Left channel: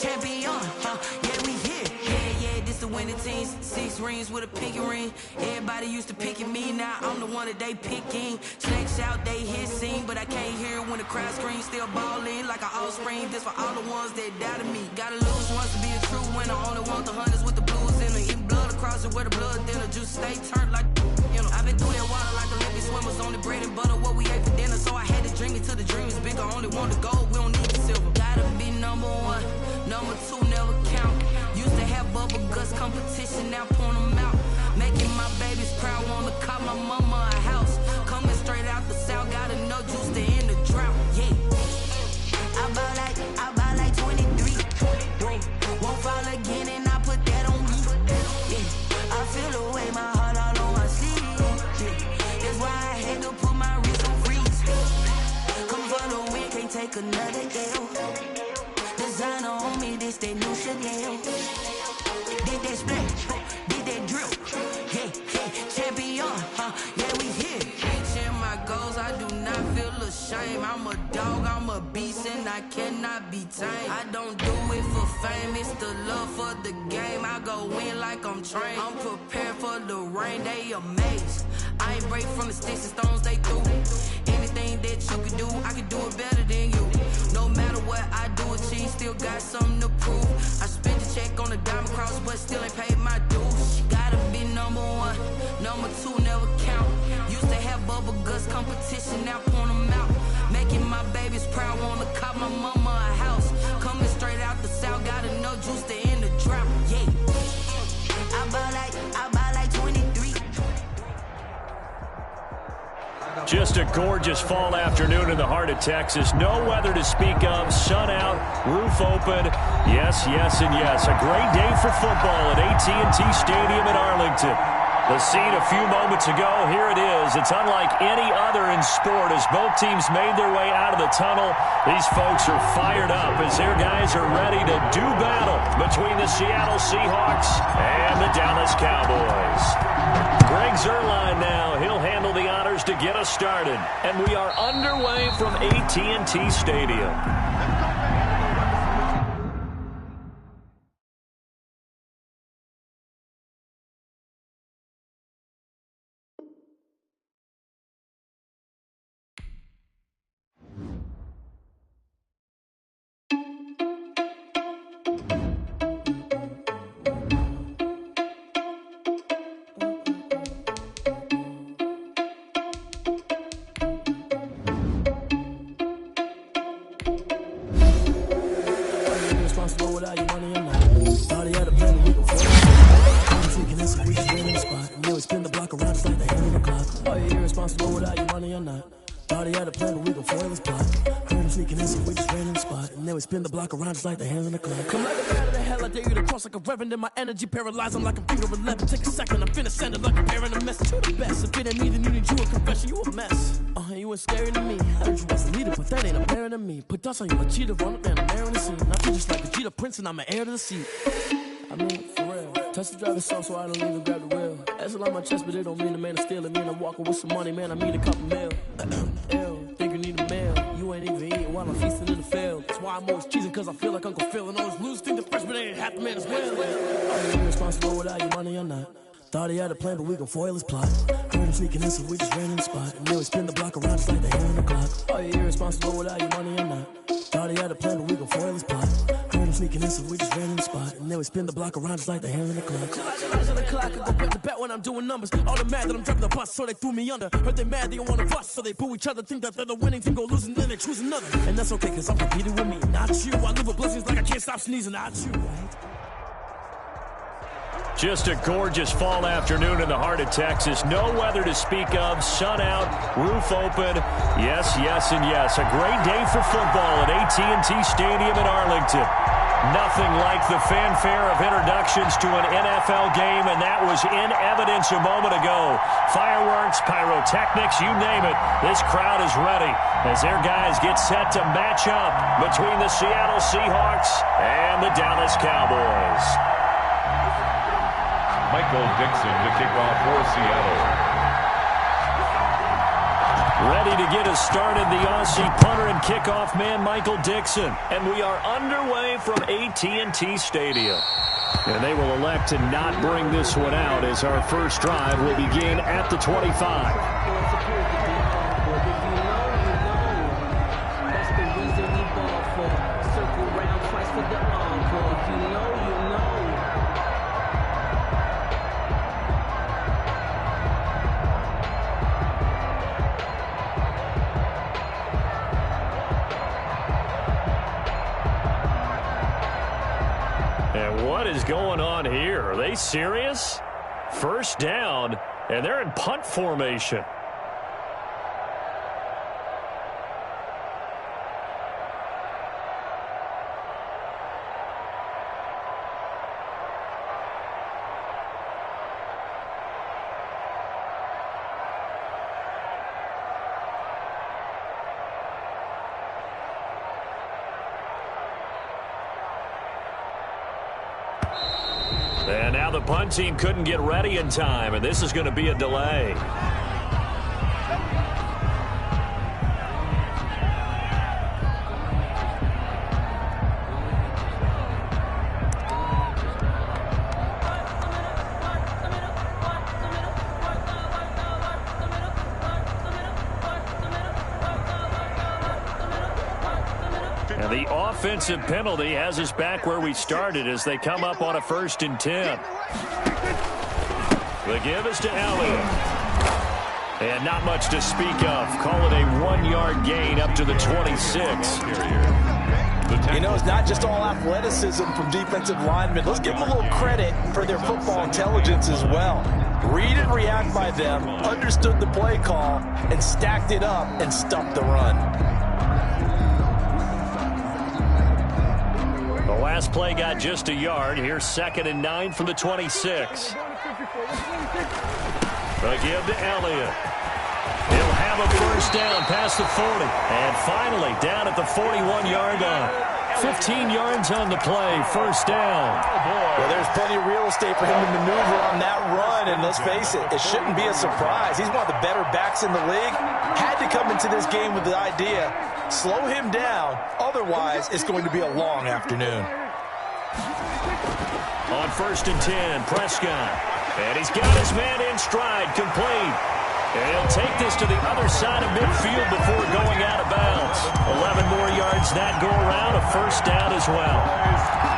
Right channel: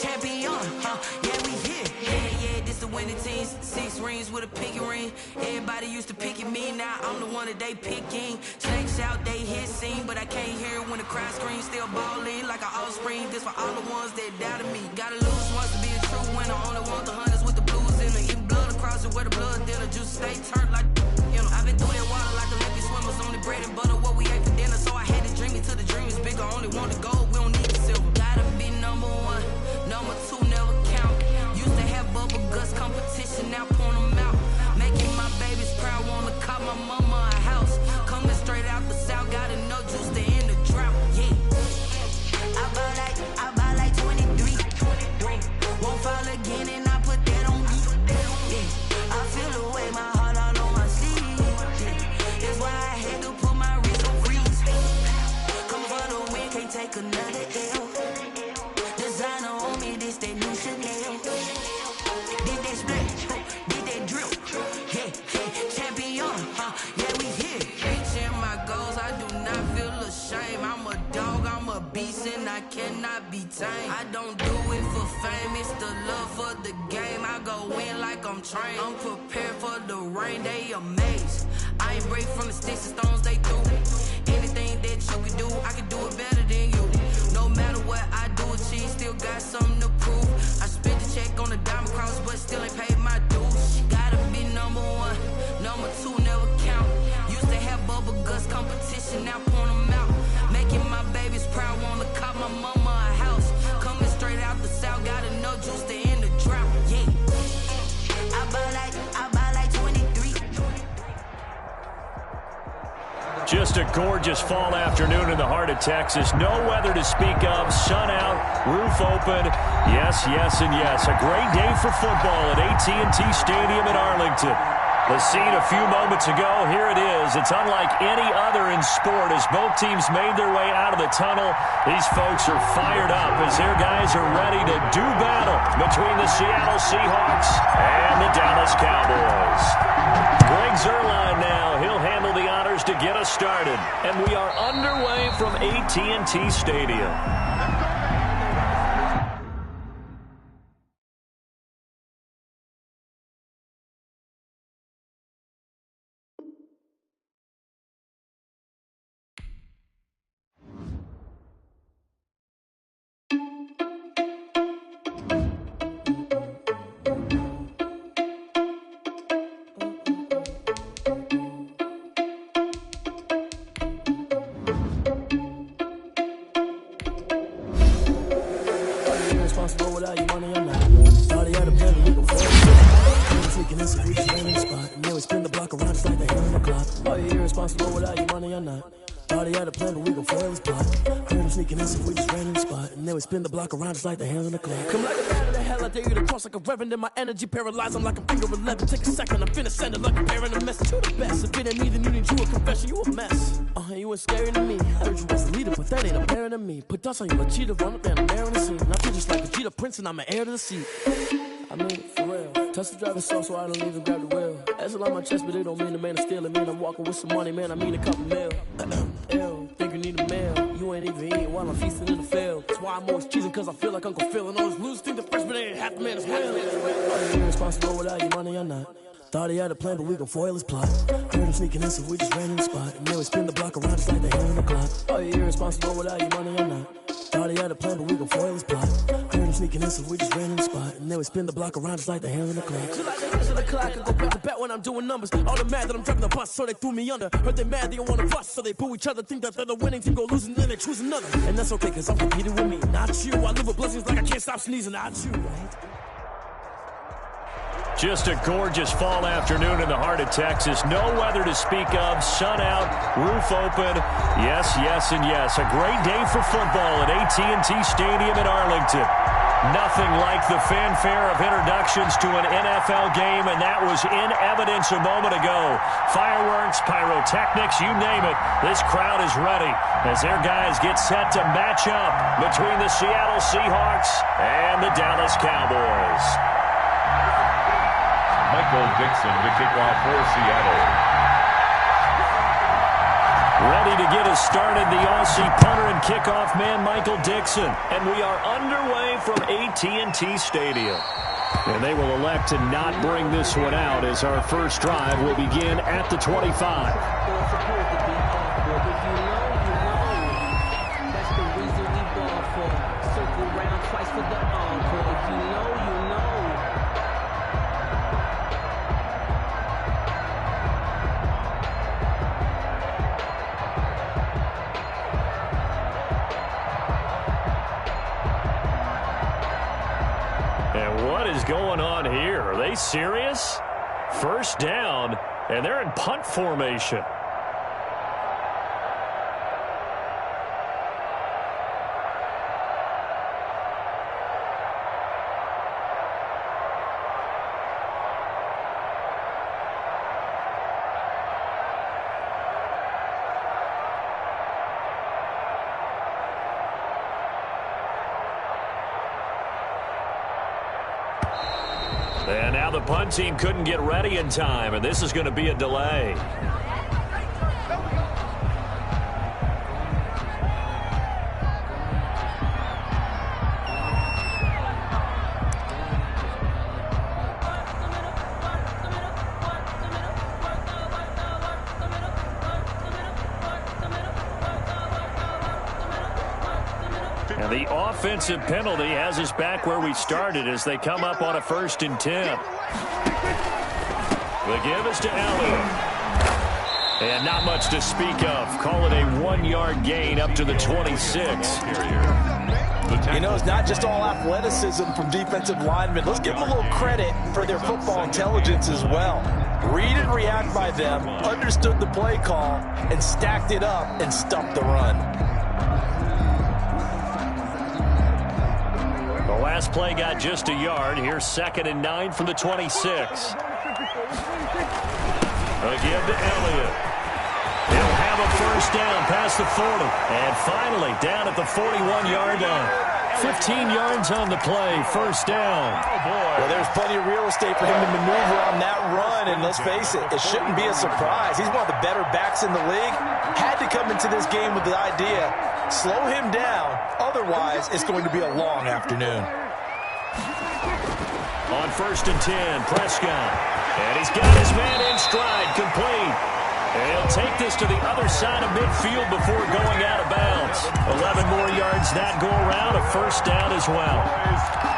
champion, yeah, we here. Yeah, this the winning teams. 6 rings with a pinky ring. Everybody used to pick at me, now I'm the one that they picking. Snakes out, they hissing, but I can't hear when the crowd screams. Still balling like an offspring. This for all the ones that doubted me. Gotta lose once to be a true winner. Only want the hunters with the blues in it. Eating blood across it where the blood thinner. Juice stay turned like, you know. I've been through that water like Olympic swimmers. Only bread and butter, what we ate for dinner. So I had to dream it till the dream is bigger. Only want the gold, we don't need the silver. Gotta be number 1, number 2 never count. Used to have bubble guts competition, now point them out. Making my babies proud, wanna call my mama a house. Coming straight out the south, gotta know juice to end the drought. Yeah, I bought like 23. Whoa, won't fall again, and I put that on me. Yeah, I feel the way, my heart all on my sleeve. Yeah, that's why I had to put my wrist on freeze. Coming for the win, can't take another L. Designer on me, this that new Chanel. Did that split, did that drill. Yeah, champion, yeah, we here. Reaching my goals, I do not feel ashamed. I'm a dog, I'm a beast, and I cannot be tamed. I don't do it for fame, it's the love for the game. I go in like I'm trained. I'm prepared for the rain, they amazed. I ain't break from the sticks and stones they threw. Anything that you can do, I can do it better than you. No matter what I do, achieve, still got something to prove. I spent the check on the diamond cross, but still ain't paid my dues. Gotta be number 1, number 2 never count. Used to have bubble guts competition, now point them out. Making my babies proud, wanna call my mama a house. Coming straight out the south, gotta know juice to end the drought. Yeah, I bought like 23. Just a gorgeous fall afternoon in the heart of Texas. No weather to speak of. Sun out, roof open. Yes, yes, and yes. A great day for football at AT&T Stadium in Arlington. The scene a few moments ago, here it is. It's unlike any other in sport as both teams made their way out of the tunnel. These folks are fired up as their guys are ready to do battle between the Seattle Seahawks and the Dallas Cowboys. Greg Zuerlein now. He'll handle the honors to get us started. And we are underway from AT&T Stadium. Responsible without your money or not. Thought he had a plan, but we gon' fall asleep. Freaking this, we just ran in the spot. And then we spin the block around just like the hands on the clock. Are you irresponsible without your money or not? Thought he had a plan, but we gon' foil his plot. Heard him sneaking in, so we just ran in the spot. And then we spin the block around just like the hands on the clock. Come like a bat of the hell, I dare you to cross like a reverend. In my energy paralyzed, I'm like a finger 11. Take a second, I'm finna send it like a parent a message. You the best, if it ain't me, then you need you a confession. You a mess. You ain't scary to me. Heard you was a leader, but that ain't apparent to me. Put dust on you like cheetah, run up down, I'm there in the scene. I feel just like the Cheetah Prince, and I'm an heir to the seat. I mean, for real. Touch the driver's soft, so I don't even grab the wheel. That's a lot on my chest, but it don't mean the man is stealing. Mean I'm walking with some money, man. I mean a couple mil. Ew, think you need a meal. You ain't even eating while I'm feasting in the field. That's why I'm always cheesing, cause I feel like Uncle Phil. And all those losers think the freshman ain't half the man as well. Are you irresponsible without your money or not? Thought he had a plan, but we gon' foil his plot. Heard him sneaking in, so we just ran in the spot. And then we spin the block around just like the hands on the clock. Are you irresponsible without your money or not? Thought he had a plan, but we gon' foil his plot. Heard him sneaking in, so we just ran in the spot. And then we spin the block around just like the hands on the clock. Just like the hands on the clock, I go back to back when I'm doing numbers. All the mad that I'm driving the bus, so they threw me under. Heard they mad, they don't wanna bust, so they boo each other. Think that they're the winning team, go losing, then they choose another. And that's okay, cause I'm competing with me, not you. I live with blessings like I can't stop sneezing, not you, right? Just a gorgeous fall afternoon in the heart of Texas. No weather to speak of. Sun out, roof open. Yes, yes, and yes. A great day for football at AT&T Stadium in Arlington. Nothing like the fanfare of introductions to an NFL game, and that was in evidence a moment ago. Fireworks, pyrotechnics, you name it. This crowd is ready as their guys get set to match up between the Seattle Seahawks and the Dallas Cowboys. Michael Dixon to kick off for Seattle. Ready to get us started, the Aussie punter and kickoff man, Michael Dixon. And we are underway from AT&T Stadium. And they will elect to not bring this one out as our first drive will begin at the 25. That's the reason we ball for. Circle round twice for the encore. If you know, you know. And what is going on here? Are they serious? First down, and they're in punt formation. And now the punt team couldn't get ready in time, and this is going to be a delay. And the offensive penalty has us back where we started as they come up on a 1st and 10. The give is to Elliott. And not much to speak of. Call it a 1-yard gain up to the 26. You know, it's not just all athleticism from defensive linemen. Let's give them a little credit for their football intelligence as well. Read and react by them, understood the play call, and stacked it up and stuffed the run. The last play got just a yard. Here's 2nd and 9 from the 26. A give to Elliott. He'll have a first down past the 40. And finally down at the 41-yard line. 15 yards on the play. First down. Well, there's plenty of real estate for him to maneuver on that run. And let's face it, it shouldn't be a surprise. He's one of the better backs in the league. Had to come into this game with the idea, slow him down. Otherwise, it's going to be a long afternoon. On 1st and 10, Prescott. And he's got his man in stride, complete. And he'll take this to the other side of midfield before going out of bounds. 11 more yards that go around, a first down as well.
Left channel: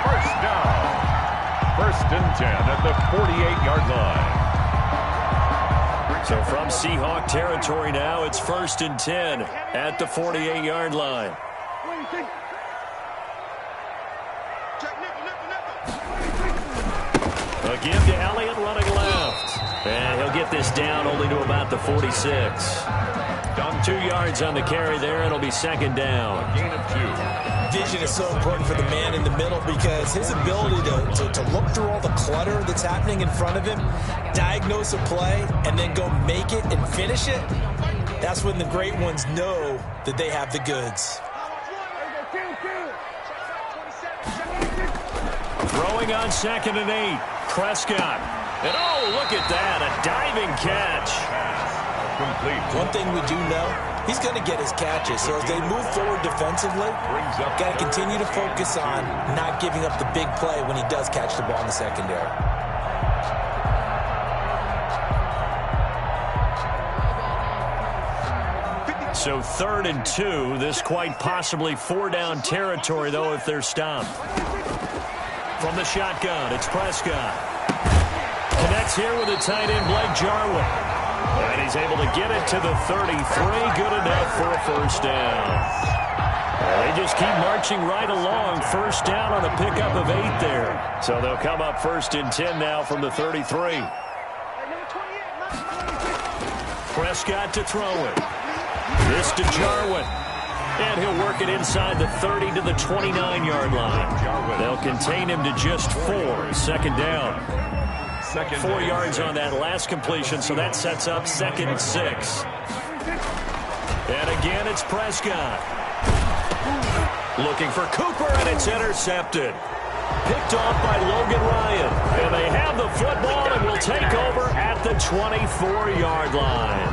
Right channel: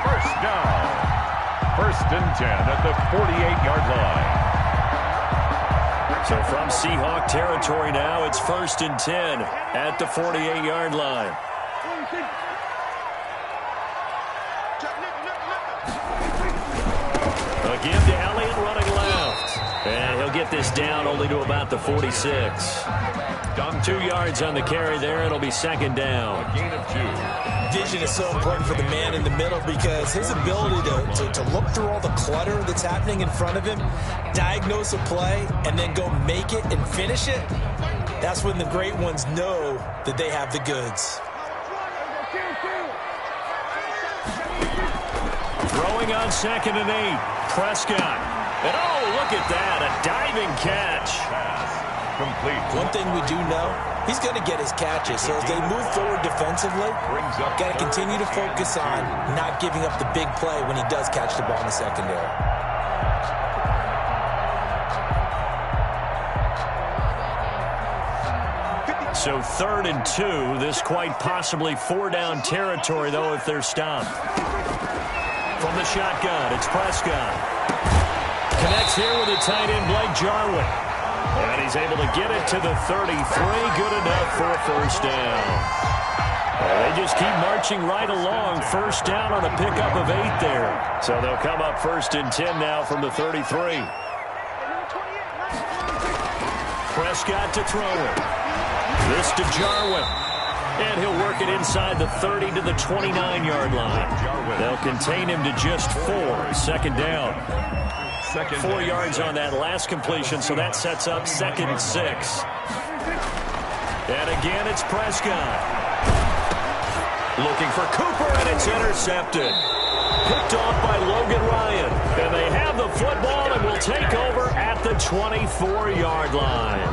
First down. 1st and 10 at the 48-yard line. So from Seahawk territory now, it's 1st and 10 at the 48-yard line. A give to Elliott running left. And he'll get this down only to about the 46. 2 yards on the carry there. It'll be 2nd down. A gain of 2. Vision is so important for the man in the middle because his ability to look through all the clutter that's happening in front of him, diagnose a play, and then go make it and finish it, that's when the great ones know that they have the goods. Throwing on 2nd and 8. Prescott. And oh, look at that. A diving catch. Pass complete. One thing we do know, he's going to get his catches. So as they move forward defensively, got to continue to focus on not giving up the big play when he does catch the ball in the secondary. So 3rd and 2. This quite possibly 4-down territory, though, if they're stopped. From the shotgun, it's Prescott. Connects here with a tight end, Blake Jarwin. And he's able to get it to the 33. Good enough for a first down. And they just keep marching right along. First down on a pickup of 8 there. So they'll come up 1st and 10 now from the 33. Prescott to throw it. This to Jarwin. And he'll work it inside the 30 to the 29-yard line. They'll contain him to just 4. 2nd down. 4 yards on that last completion, so that sets up 2nd and 6. And again, it's Prescott. Looking for Cooper, and it's intercepted. Picked off by Logan Ryan. And they have the football and will take over at the 24-yard line.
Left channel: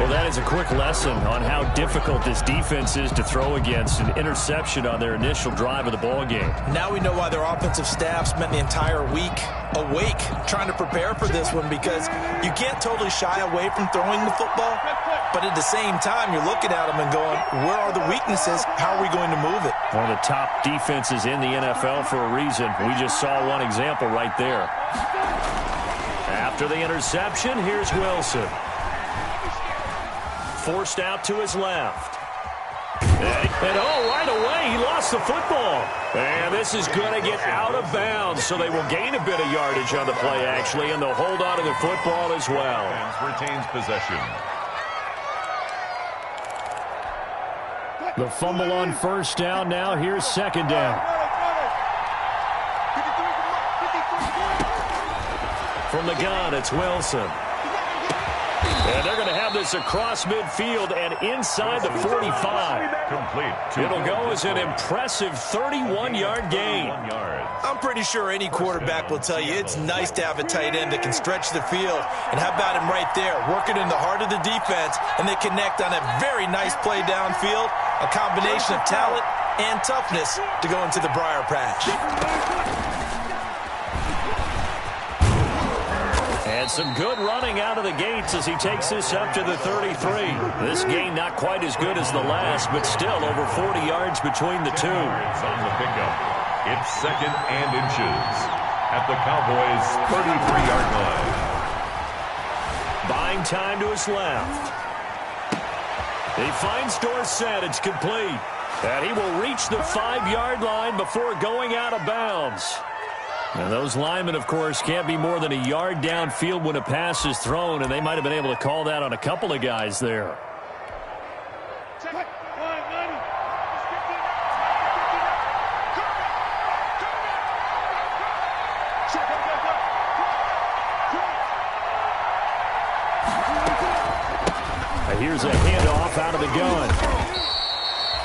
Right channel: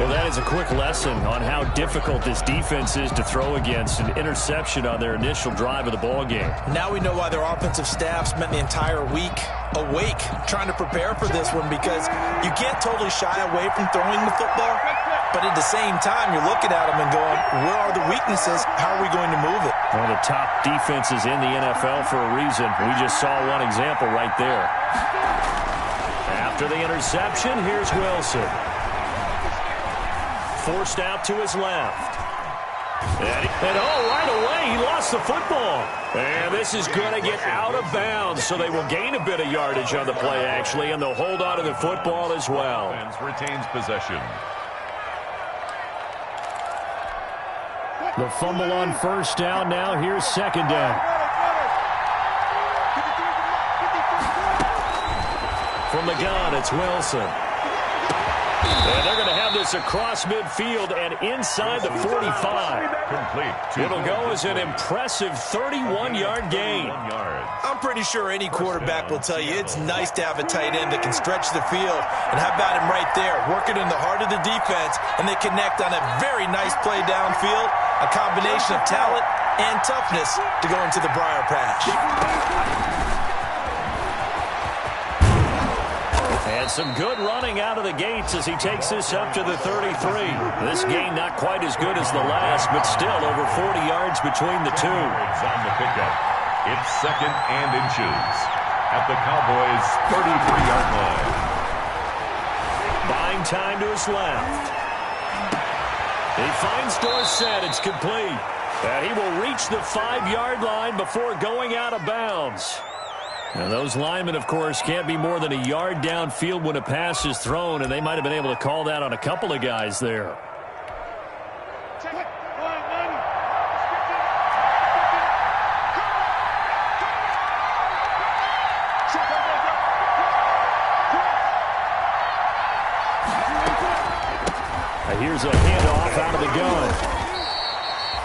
Well, that is a quick lesson on how difficult this defense is to throw against. An interception on their initial drive of the ball game. Now we know why their offensive staff spent the entire week awake trying to prepare for this one, because you can't totally shy away from throwing the football, but at the same time you're looking at them and going, where are the weaknesses? How are we going to move it? One of the top defenses in the NFL for a reason. We just saw one example right there. After the interception, here's Wilson. Forced out to his left. And right away, he lost the football. And this is going to get out of bounds, so they will gain a bit of yardage on the play, actually, and they'll hold on to the football as well. Retains possession. The fumble on first down. Now here's second down. From the gun, it's Wilson. And they're going to have this across midfield and inside the 45. Complete. It'll go as an impressive 31-yard gain. I'm pretty sure any quarterback will tell you it's nice to have a tight end that can stretch the field. And how about him right there, working in the heart of the defense, and they connect on a very nice play downfield, a combination of talent and toughness to go into the briar patch. And some good running out of the gates as he takes this up to the 33. This gain not quite as good as the last, but still over 40 yards between the two. Yards on the pickup. It's second and inches at the Cowboys' 33-yard line. Buying time to his left. He finds Dorsett. It's complete. And he will reach the 5-yard line before going out of bounds. And those linemen, of course, can't be more than a yard downfield when a pass is thrown, and they might have been able to call that on a couple of guys there. Here's a handoff out of the gun.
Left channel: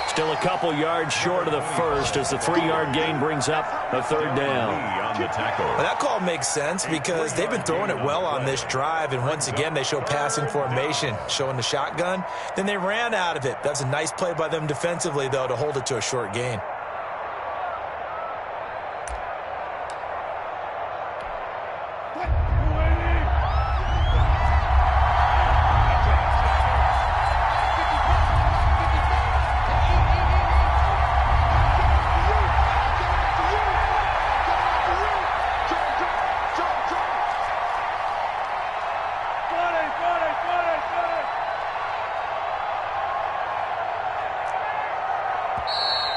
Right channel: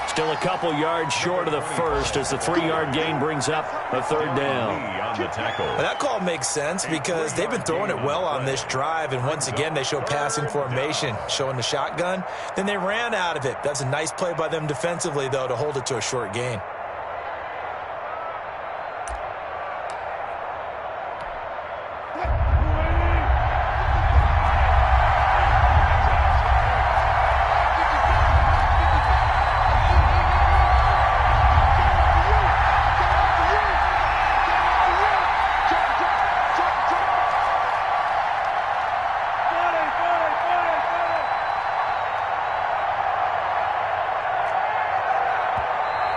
Still a couple yards short of the first as the 3-yard gain brings up a third down. Well, that call makes sense because they've been throwing it well on this drive, and once again they show passing formation, showing the shotgun. Then they ran out of it. That's a nice play by them defensively, though, to hold it to a short gain.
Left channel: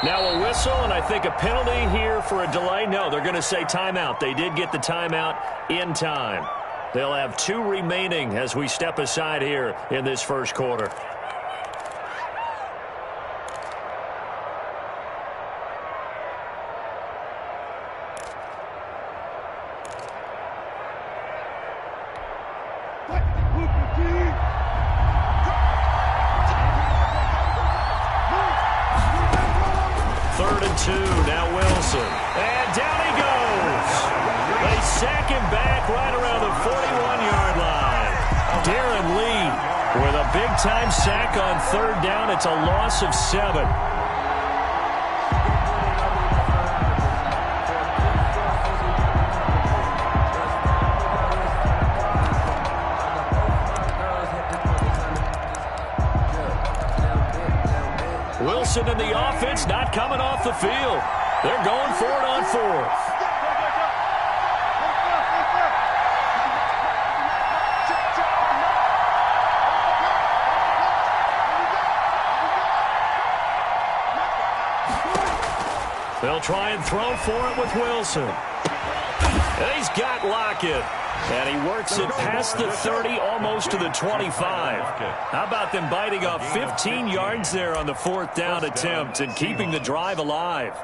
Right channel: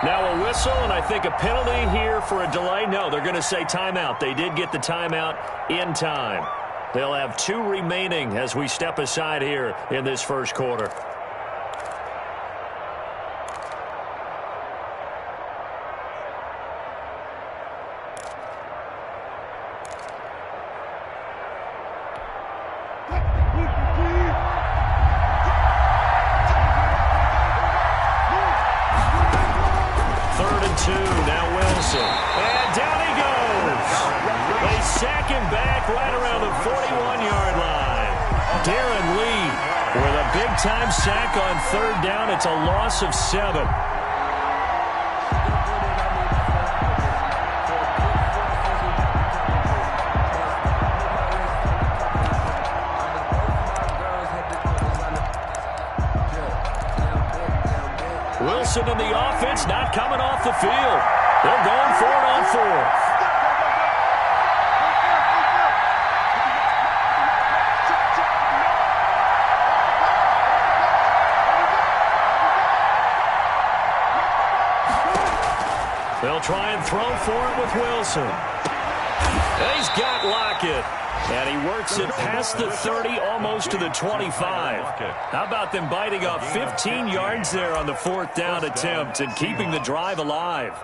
Now a whistle, and I think a penalty here for a delay. No, they're going to say timeout. They did get the timeout in time. They'll have 2 remaining as we step aside here in this first quarter. Third and 2, now Wilson. And down he goes. They sack him back right around the 41-yard line. Darren Lee with a big-time sack on third down. It's a loss of 7. Wilson and the offense not coming off the field. They're going for it on 4th. They'll try and throw for it with Wilson. And he's got Lockett. And he works it past the 30, almost to the 25. How about them biting off 15 yards there on the 4th down attempt and keeping the drive alive?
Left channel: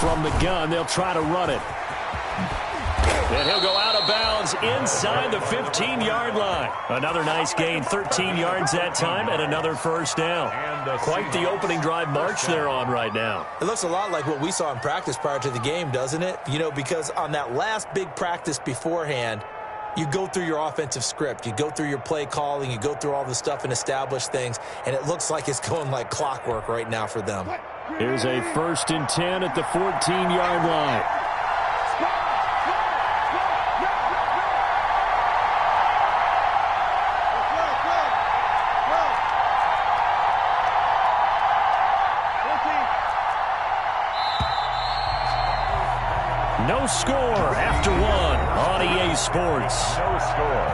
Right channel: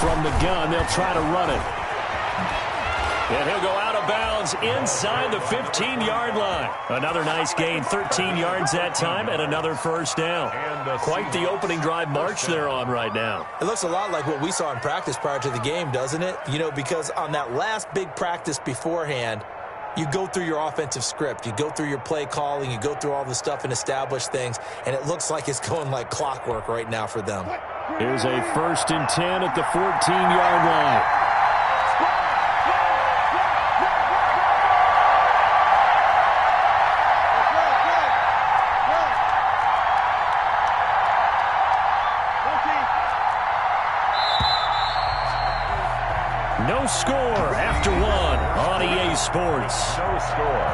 From the gun, they'll try to run it. And he'll go out of bounds inside the 15-yard line. Another nice gain, 13 yards that time, and another first down. Quite the opening drive march they're on right now. It looks a lot like what we saw in practice prior to the game, doesn't it? You know, because on that last big practice beforehand, you go through your offensive script. You go through your play calling. You go through all the stuff and establish things, and it looks like it's going like clockwork right now for them. Here's a 1st and 10 at the 14-yard line. No score after one on EA Sports. No score.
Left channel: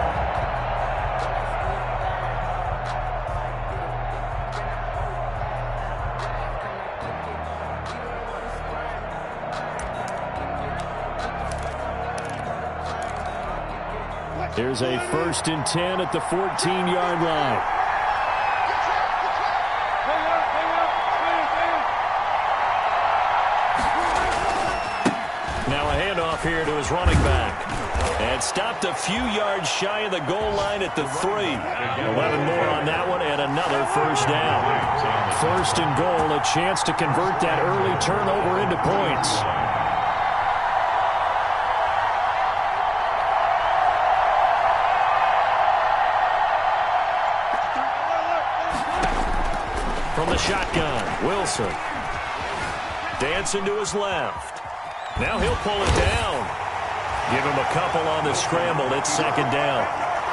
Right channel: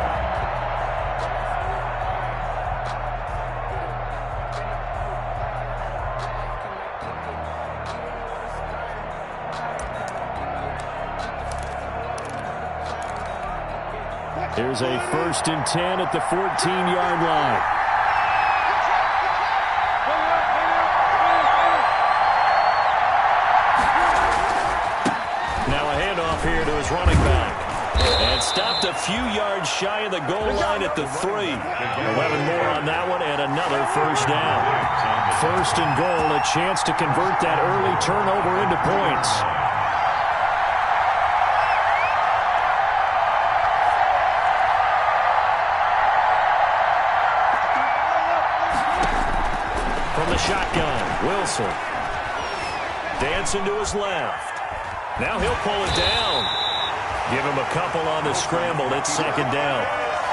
Here's a 1st and 10 at the 14-yard line. Now a handoff here to his running back. And stopped a few yards shy of the goal line at the 3. 11 more on that one and another first down. 1st and goal, a chance to convert that early turnover into points. From the shotgun, Wilson. Dancing to his left. Now he'll pull it down. Give him a couple on the scramble. It's 2nd down.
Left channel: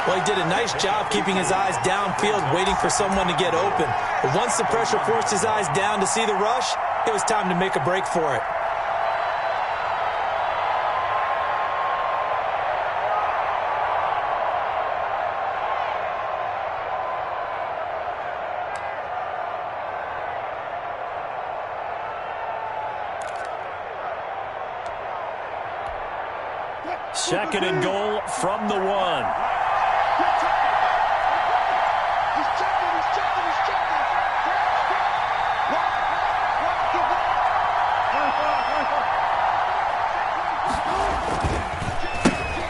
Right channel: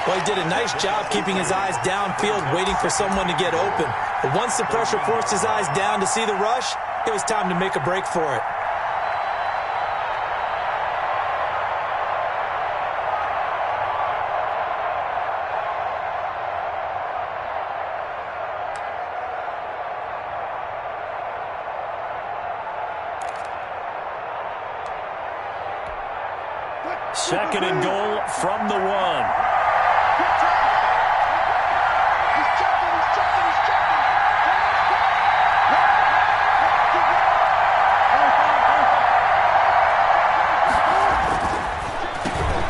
Well, he did a nice job keeping his eyes downfield, waiting for someone to get open. But once the pressure forced his eyes down to see the rush, it was time to make a break for it. Second and goal from the 1.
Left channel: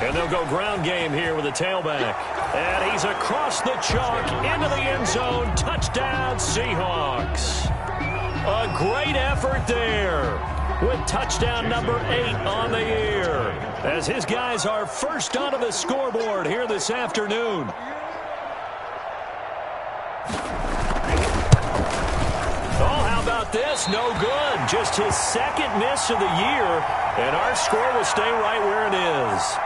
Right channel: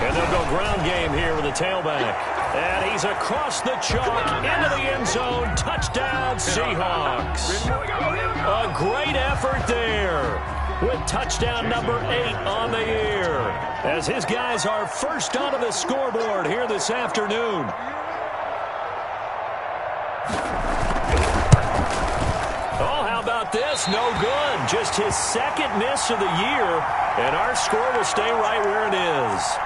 And they'll go ground game here with a tailback. And he's across the chalk into the end zone. Touchdown, Seahawks. A great effort there with touchdown number 8 on the year, as his guys are first onto the scoreboard here this afternoon. Oh, how about this? No good. Just his 2nd miss of the year, and our score will stay right where it is.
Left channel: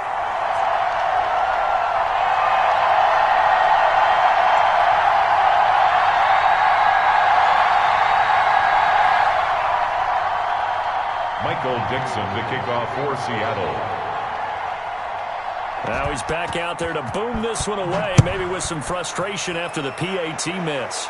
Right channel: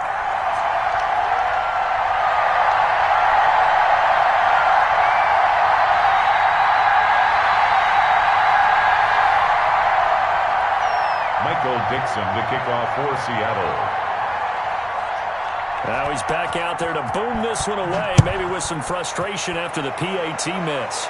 Michael Dixon to kick off for Seattle. Now he's back out there to boom this one away, maybe with some frustration after the PAT miss.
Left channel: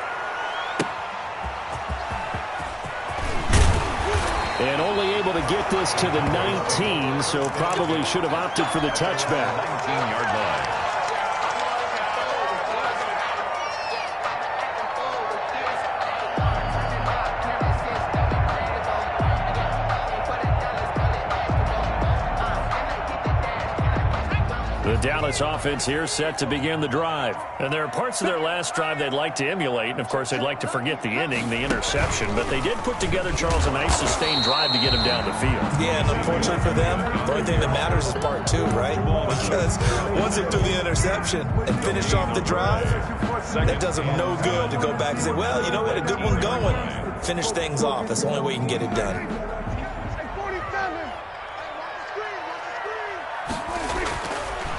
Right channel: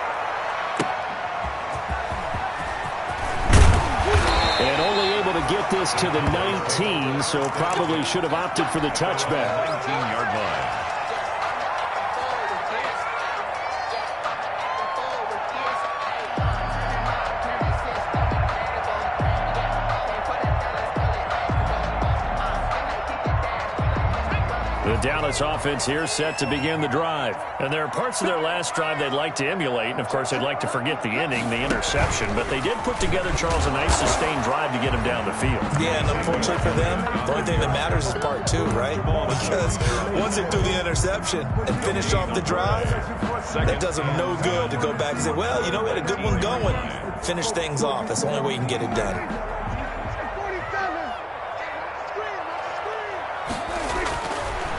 And only able to get this to the 19, so probably should have opted for the touchback. 19-yard line. The Dallas offense here set to begin the drive. And there are parts of their last drive they'd like to emulate. And, of course, they'd like to forget the inning, the interception. But they did put together, Charles, a nice sustained drive to get him down the field. Yeah, and unfortunately for them, the only thing that matters is part 2, right? Because once they threw the interception and finished off the drive, it does them no good to go back and say, well, you know, we had a good one going. Finish things off. That's the only way you can get it done.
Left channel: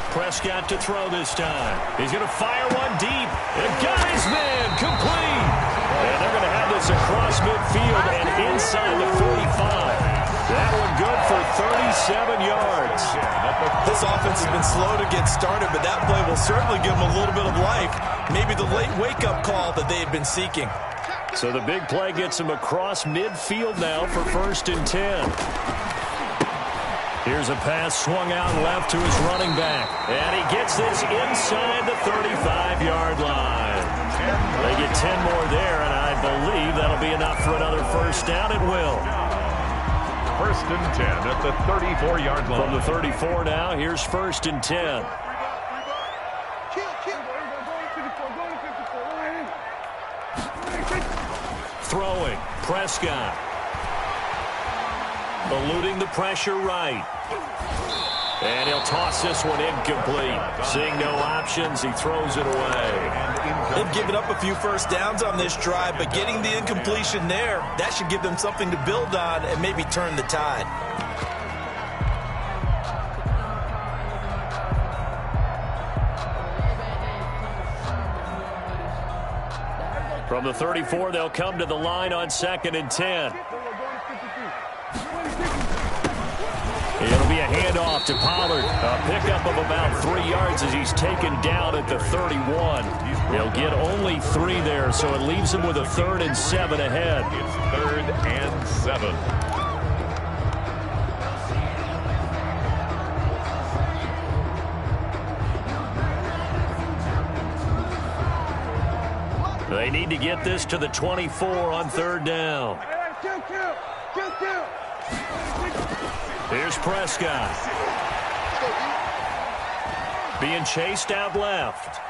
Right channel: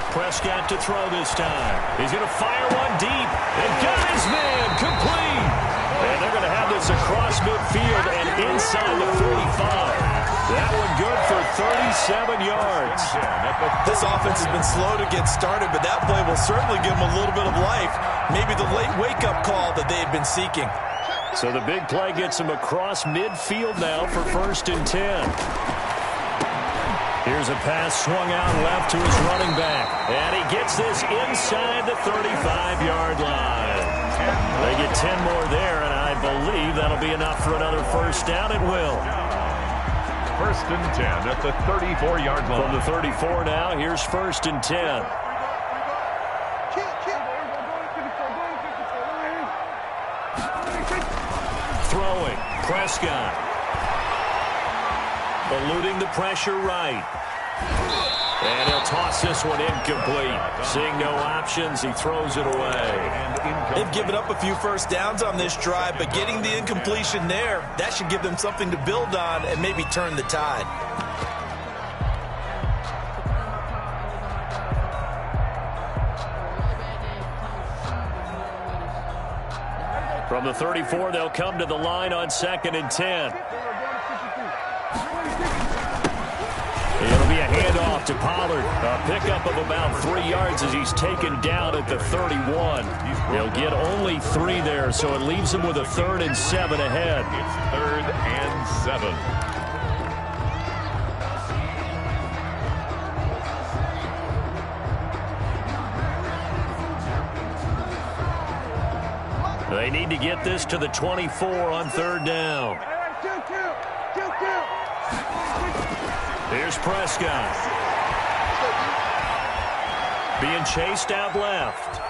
Prescott to throw this time. He's going to fire one deep. And got his man complete. And they're going to have this across midfield and inside the 45. That one good for 37 yards. This offense has been slow to get started, but that play will certainly give them a little bit of life. Maybe the late wake-up call that they had been seeking. So the big play gets him across midfield now for 1st and 10. Here's a pass swung out left to his running back. And he gets this inside the 35-yard line. They get 10 more there, and I believe that'll be enough for another first down. It will. First and 10 at the 34-yard line. From the 34 now, here's first and 10. Throwing, Prescott. Eluding the pressure right. And he'll toss this one incomplete. Seeing no options, he throws it away. They've given up a few first downs on this drive, but getting the incompletion there, that should give them something to build on and maybe turn the tide. From the 34, they'll come to the line on second and 10. It'll be a handoff to Pollard. A pickup of about 3 yards as he's taken down at the 31. He'll get only 3 there, so it leaves him with a 3rd and 7 ahead. It's 3rd and 7. They need to get this to the 24 on 3rd down. Here's Prescott. Being chased out left.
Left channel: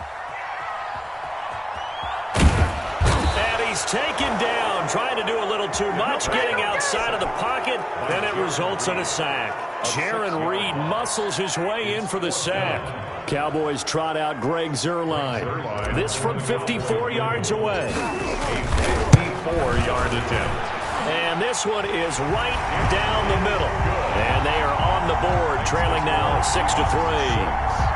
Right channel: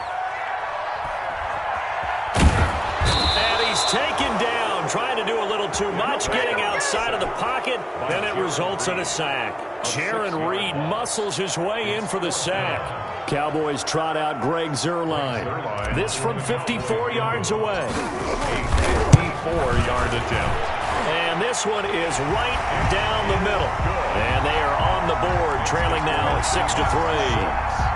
And he's taken down, trying to do a little too much, getting outside of the pocket, and it results in a sack. Jaron Reed muscles his way in for the sack. Cowboys trot out Greg Zuerlein. This from 54 yards away. A 54-yard attempt. And this one is right down the middle. And they are on the board, trailing now 6-3.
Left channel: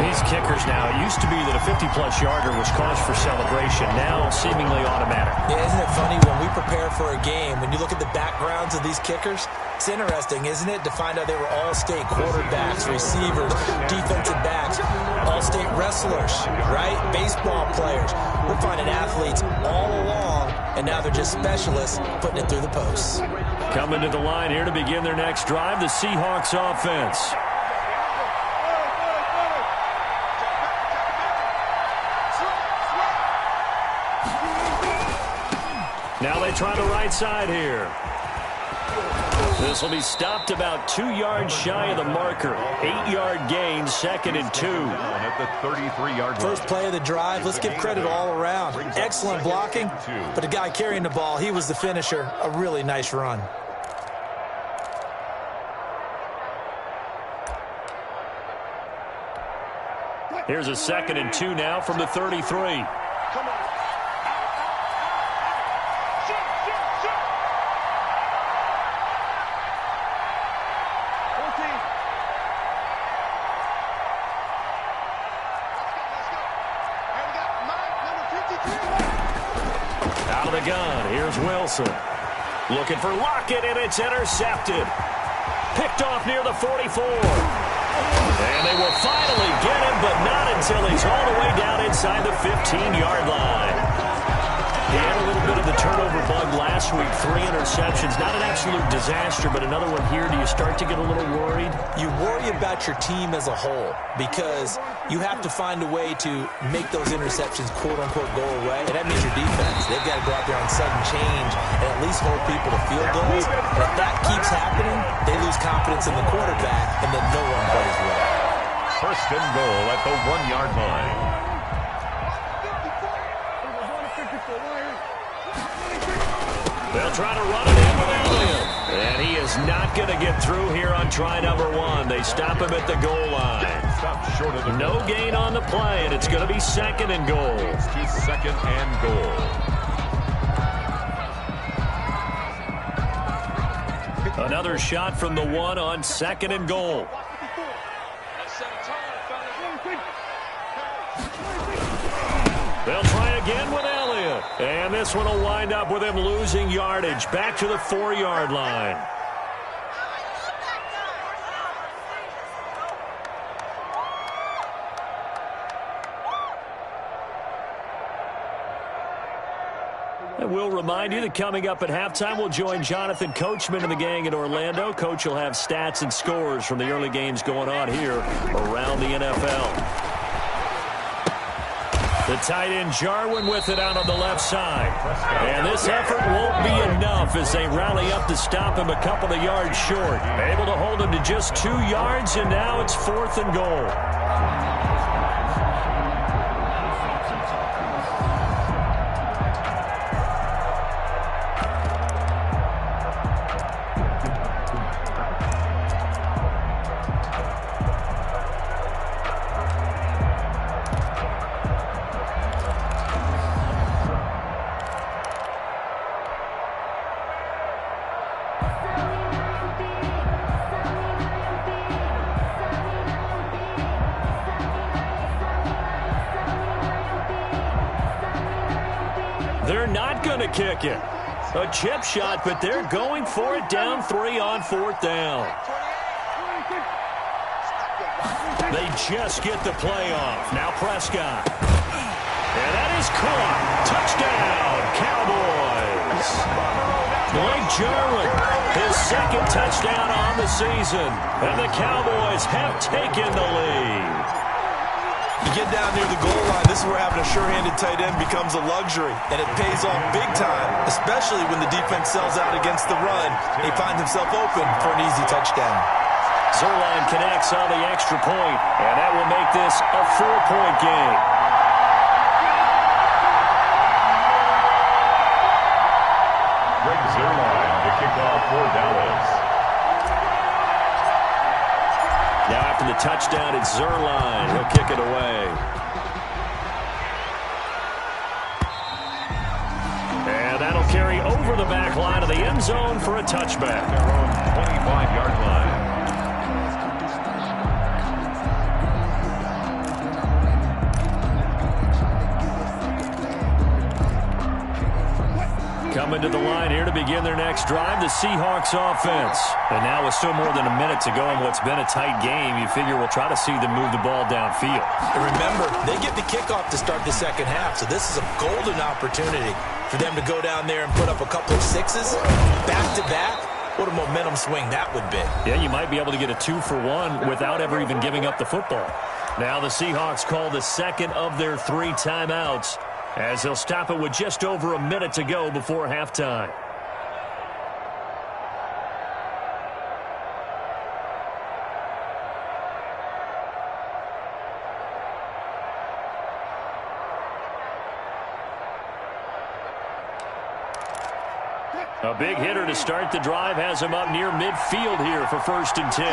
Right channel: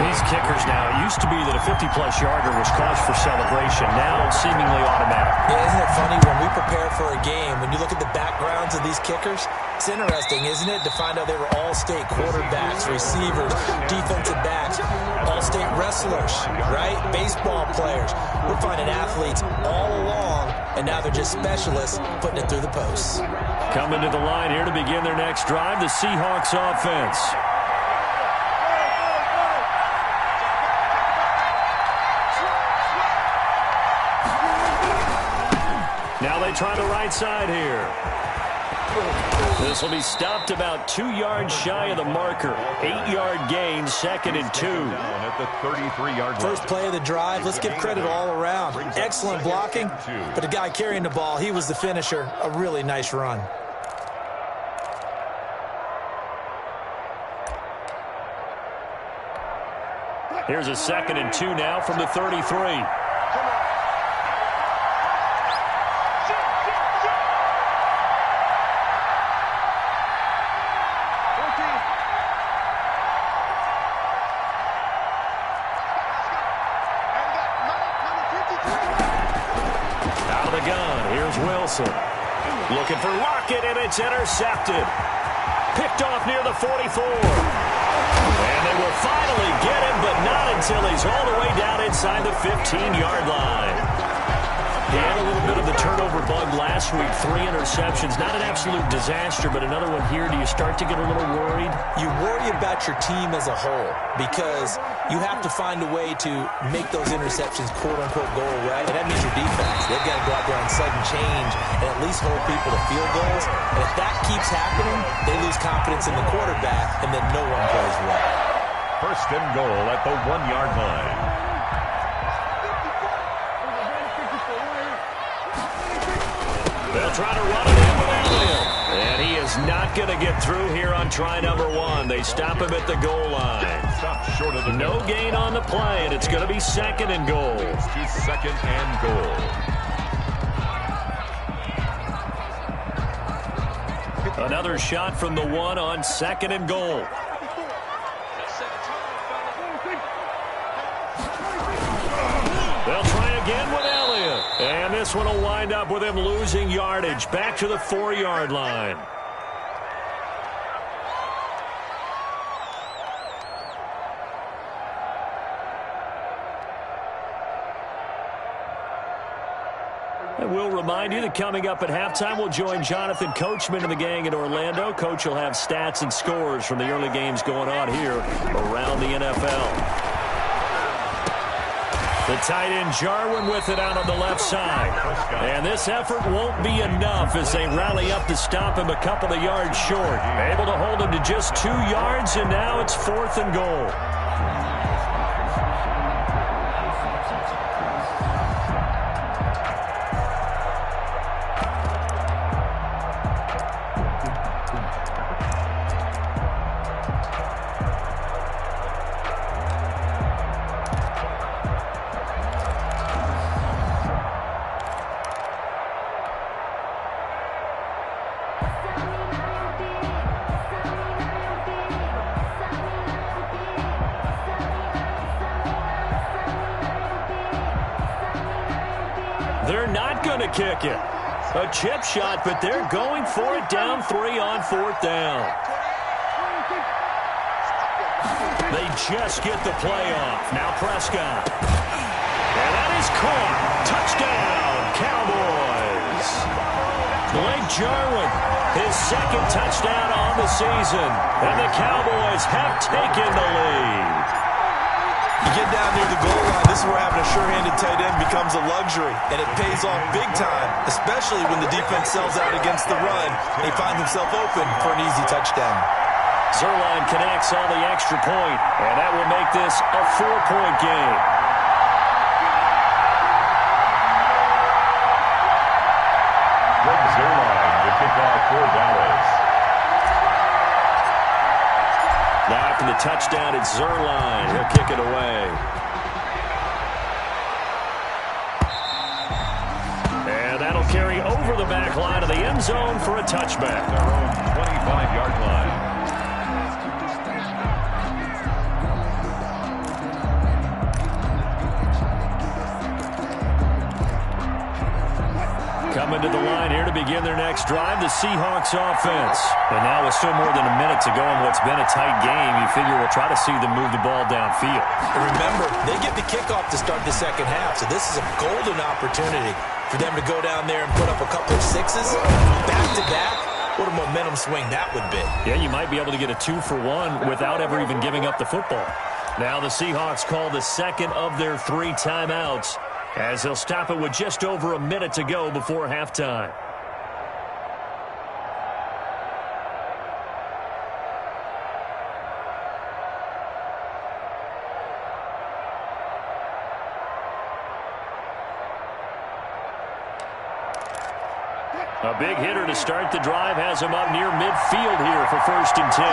These kickers now, it used to be that a 50-plus yarder was cause for celebration. Now seemingly automatic. Yeah, isn't it funny when we prepare for a game, when you look at the backgrounds of these kickers, it's interesting, isn't it, to find out they were all-state quarterbacks, receivers, defensive backs, all-state wrestlers, right? Baseball players. We're finding athletes all along, and now they're just specialists putting it through the posts. Coming to the line here to begin their next drive, the Seahawks offense. Now they try the right side here. This will be stopped about 2 yards shy of the marker. 8-yard gain, 2nd and 2. At the 33-yard line. First play of the drive, let's give credit all around. Excellent blocking, but the guy carrying the ball, he was the finisher. A really nice run. Here's a 2nd and 2 now from the 33. Out of the gun, here's Wilson. Looking for Lockett, and it's intercepted. Picked off near the 44. And they will finally get him, but not until he's all the way down inside the 15-yard line. He had a little bit of the turnover bug last week. 3 interceptions. Not an absolute disaster, but another one here. Do you start to get a little worried? You worry about your team as a whole because you have to find a way to make those interceptions, quote-unquote, go away. And that means your defense. They've got to go out there on sudden change and at least hold people to field goals. And if that keeps happening, they lose confidence in the quarterback, and then no one plays well. First and goal at the 1-yard line. They'll try to run it in with Elliott. And he is not going to get through here on try number 1. They stop him at the goal line. Stop short of the No gain on the play, and it's going to be 2nd and goal. It's to 2nd and goal. Another shot from the 1 on 2nd and goal. They'll try again with Elliott. And this one will wind up with him losing yardage. Back to the 4-yard line. And we'll remind you that coming up at halftime, we'll join Jonathan Coachman and the gang in Orlando. Coach will have stats and scores from the early games going on here around the NFL. The tight end Jarwin with it out on the left side. And this effort won't be enough as they rally up to stop him a couple of yards short. Able to hold him to just 2 yards, and now it's 4th and goal. They're not going to kick it. A chip shot, but they're going for it down 3 on 4th down. They just get the play off. Now Prescott. And that is caught. Touchdown, Cowboys. Blake Jarwin, his 2nd touchdown on the season. And the Cowboys have taken the lead. You get down near the goal line, this is where having a sure-handed tight end becomes a luxury, and it pays off big time, especially when the defense sells out against the run. He finds himself open for an easy touchdown. Zerline connects on the extra point, and that will make this a 4-point game. Greg Zerline to kick off for Dallas. Now after the touchdown, it's Zerline. He'll kick it away. And that'll carry over the back line of the end zone for a touchback. Their own 25-yard line. Coming to the line here to begin their next drive, the Seahawks offense. And now with still more than a minute to go in what's been a tight game, you figure we'll try to see them move the ball downfield. And remember, they get the kickoff to start the second half, so this is a golden opportunity for them to go down there and put up a couple of 6s back-to-back. What a momentum swing that would be. Yeah, you might be able to get a 2-for-1 without ever even giving up the football. Now the Seahawks call the 2nd of their 3 timeouts, as he'll stop it with just over a minute to go before halftime. A big hitter to start the drive has him up near midfield here for 1st and 10.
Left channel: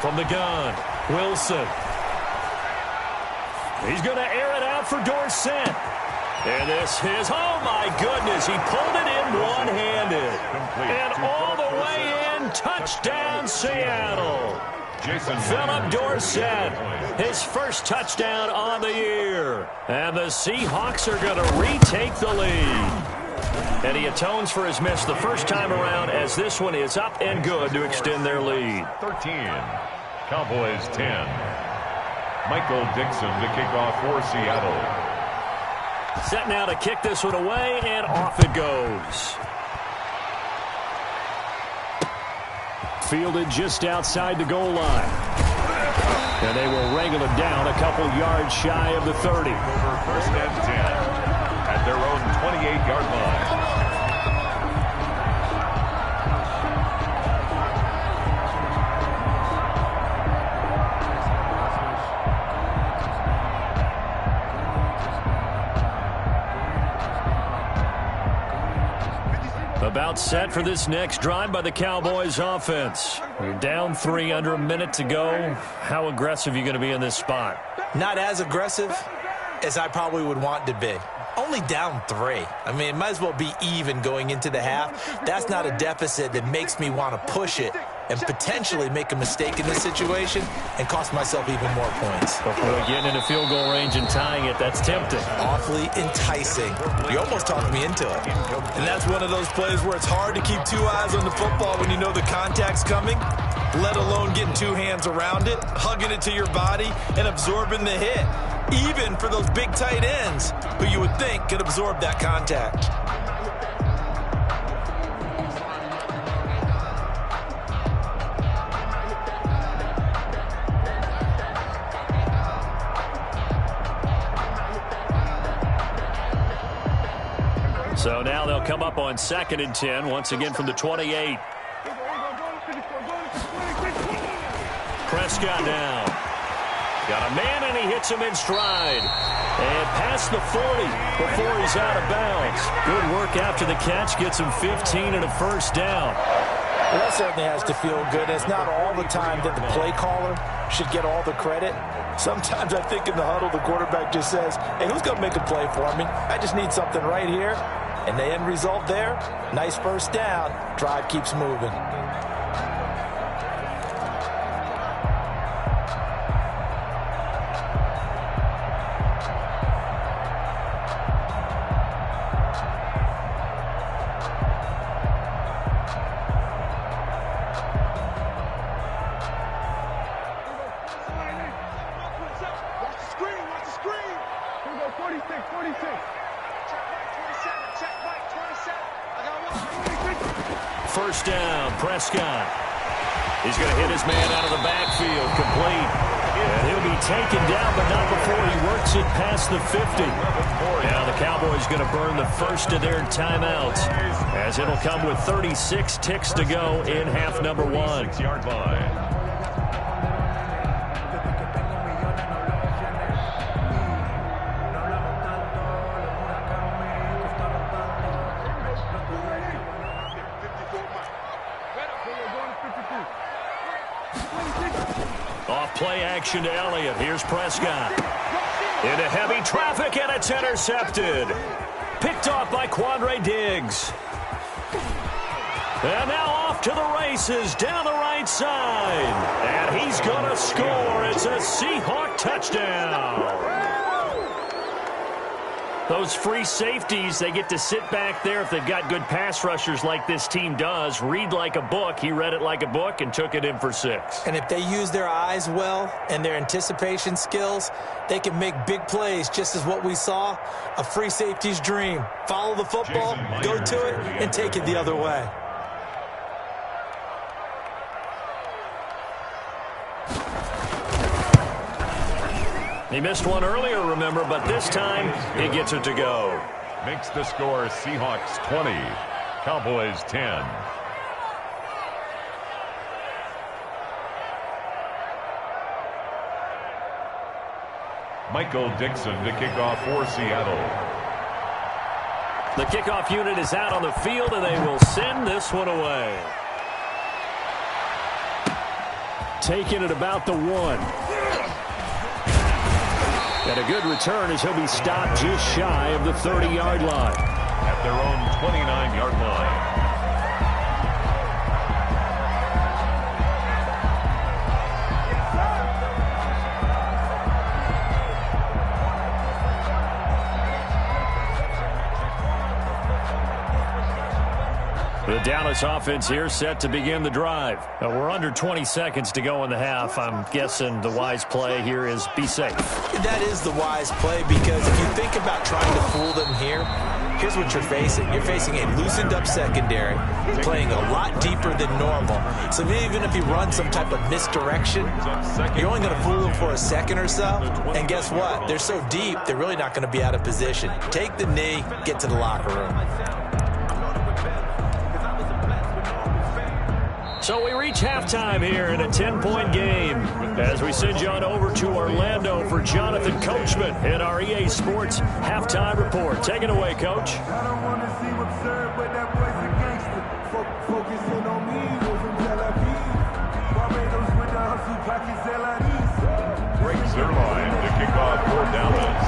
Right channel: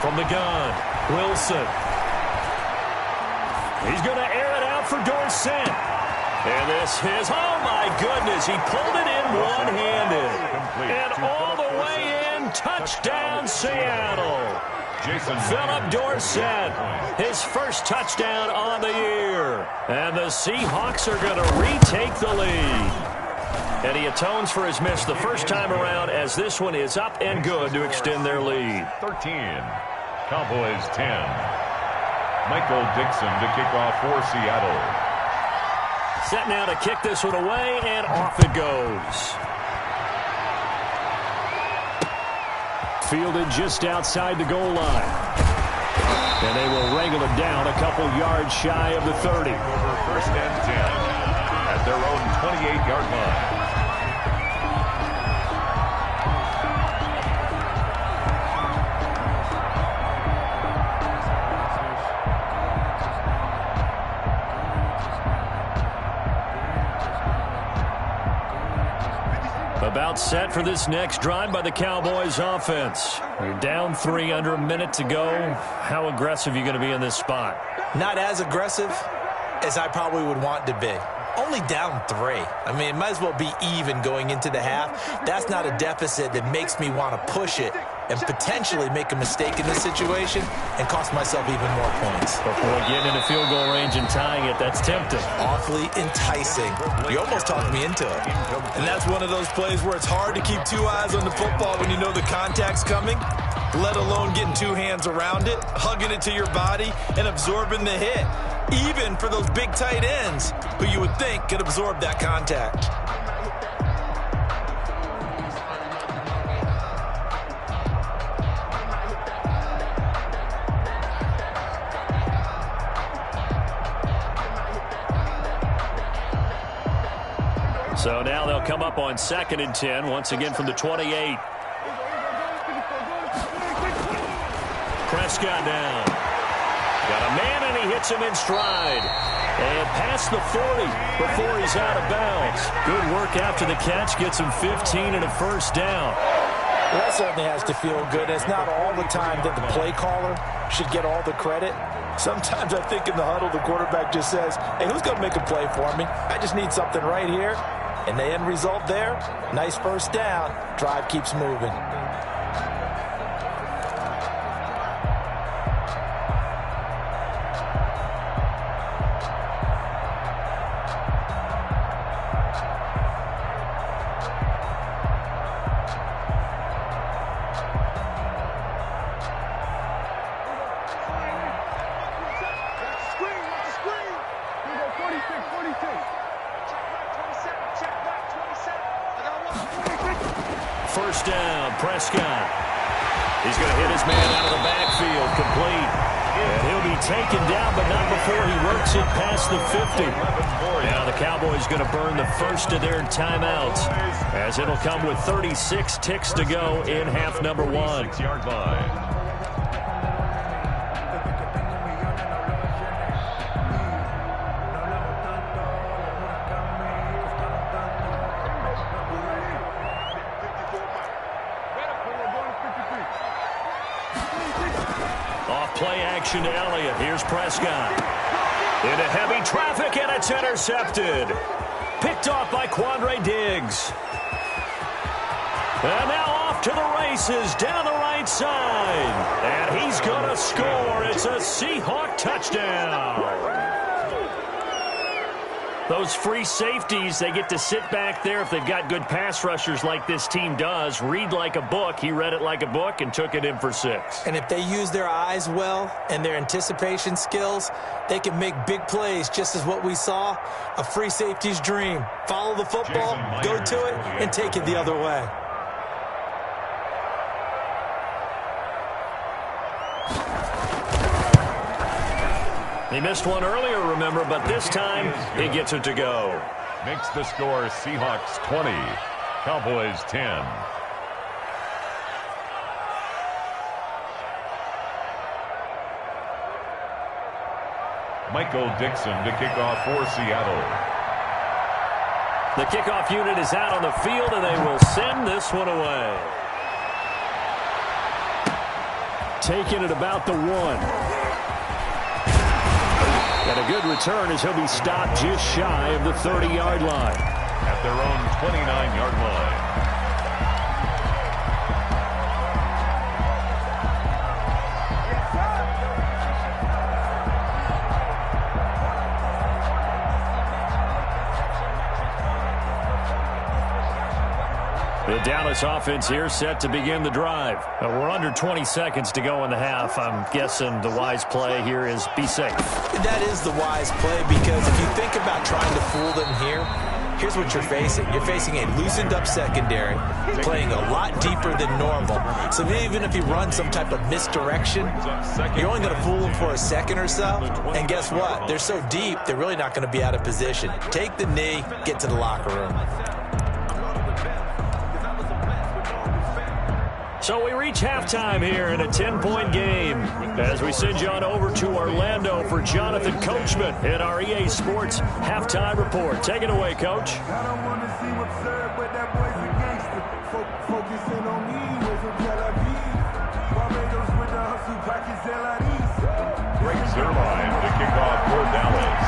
From the gun, Wilson. He's going to air it out for Dorsett. And this is, oh my goodness, he pulled it in one-handed. And all the way in, touchdown Seattle. Philip Dorsett, his first touchdown on the year. And the Seahawks are going to retake the lead. And he atones for his miss the first time around, as this one is up and good to extend their lead. 13, Cowboys 10. Michael Dixon to kick off for Seattle. Set now to kick this one away, and off it goes. Fielded just outside the goal line. And they will wrangle it down a couple yards shy of the 30. Over 1st and 10 at their own 28-yard line. About set for this next drive by the Cowboys offense. You're down 3, under a minute to go. How aggressive are you going to be in this spot? Not as aggressive as I probably would want to be. Only down 3. I mean, it might as well be even going into the half. That's not a deficit that makes me want to push it and potentially make a mistake in this situation and cost myself even more points. Before getting into field goal range and tying it, that's tempting. Awfully enticing. You almost talked me into it. And that's one of those plays where it's hard to keep 2 eyes on the football when you know the contact's coming, let alone getting 2 hands around it, hugging it to your body, and absorbing the hit. Even for those big tight ends who you would think could absorb that contact. So now they'll come up on 2nd and 10, once again from the 28. Prescott down. Got a man, and he hits him in stride. And past the 40 before he's out of bounds. Good work after the catch. Gets him 15 and a first down. Well, that certainly has to feel good. It's not all the time that the play caller should get all the credit. Sometimes I think in the huddle, the quarterback just says, hey, who's going to make a play for me? I just need something right here. And the end result there, nice first down. Drive keeps moving. First down, Prescott. He's going to hit his man out of the backfield, complete. And he'll be taken down, but not before he works it past the 50. Now the Cowboys going to burn the first of their timeouts, as it'll come with 36 ticks to go in half number 1. 6-yard line. Off play action to Elliott. Here's Prescott. Into heavy traffic, and it's intercepted. Picked off by Quandre Diggs. And now off to the races down the right side. And he's going to score. It's a Seahawk touchdown. Those free safeties, they get to sit back there if they've got good pass rushers like this team does. Read like a book. He read it like a book and took it in for 6. And if they use their eyes well and their anticipation skills, they can make big plays, just as what we saw, a free safety's dream. Follow the football, go to it, and take it the other way. He missed one earlier, remember, but this time he gets it to go. Makes the score Seahawks 20, Cowboys 10. Michael Dixon to kick off for Seattle. The kickoff unit is out on the field, and they will send this one away. Taking it about the 1. And a good return as he'll be stopped just shy of the 30-yard line. At their own 29-yard line. The Dallas offense here set to begin the drive. We're under 20 seconds to go in the half. I'm guessing the wise play here is be safe. That is the wise play, because if you think about trying to fool them here, here's what you're facing. You're facing a loosened up secondary, playing a lot deeper than normal. So even if you run some type of misdirection, you're only going to fool them for a second or so. And guess what? They're so deep, they're really not going to be out of position. Take the knee, get to the locker room. So we reach halftime here in a 10-point game as we send you on over to Orlando for Jonathan Coachman in our EA Sports Halftime Report. Take it away, Coach. I don't want to seem absurd, but that boy's a gangster. Focusing on me, way from Tel Aviv. Barbados with the hustle, pockets LIDs. Greg Zerline to kick off for Dallas.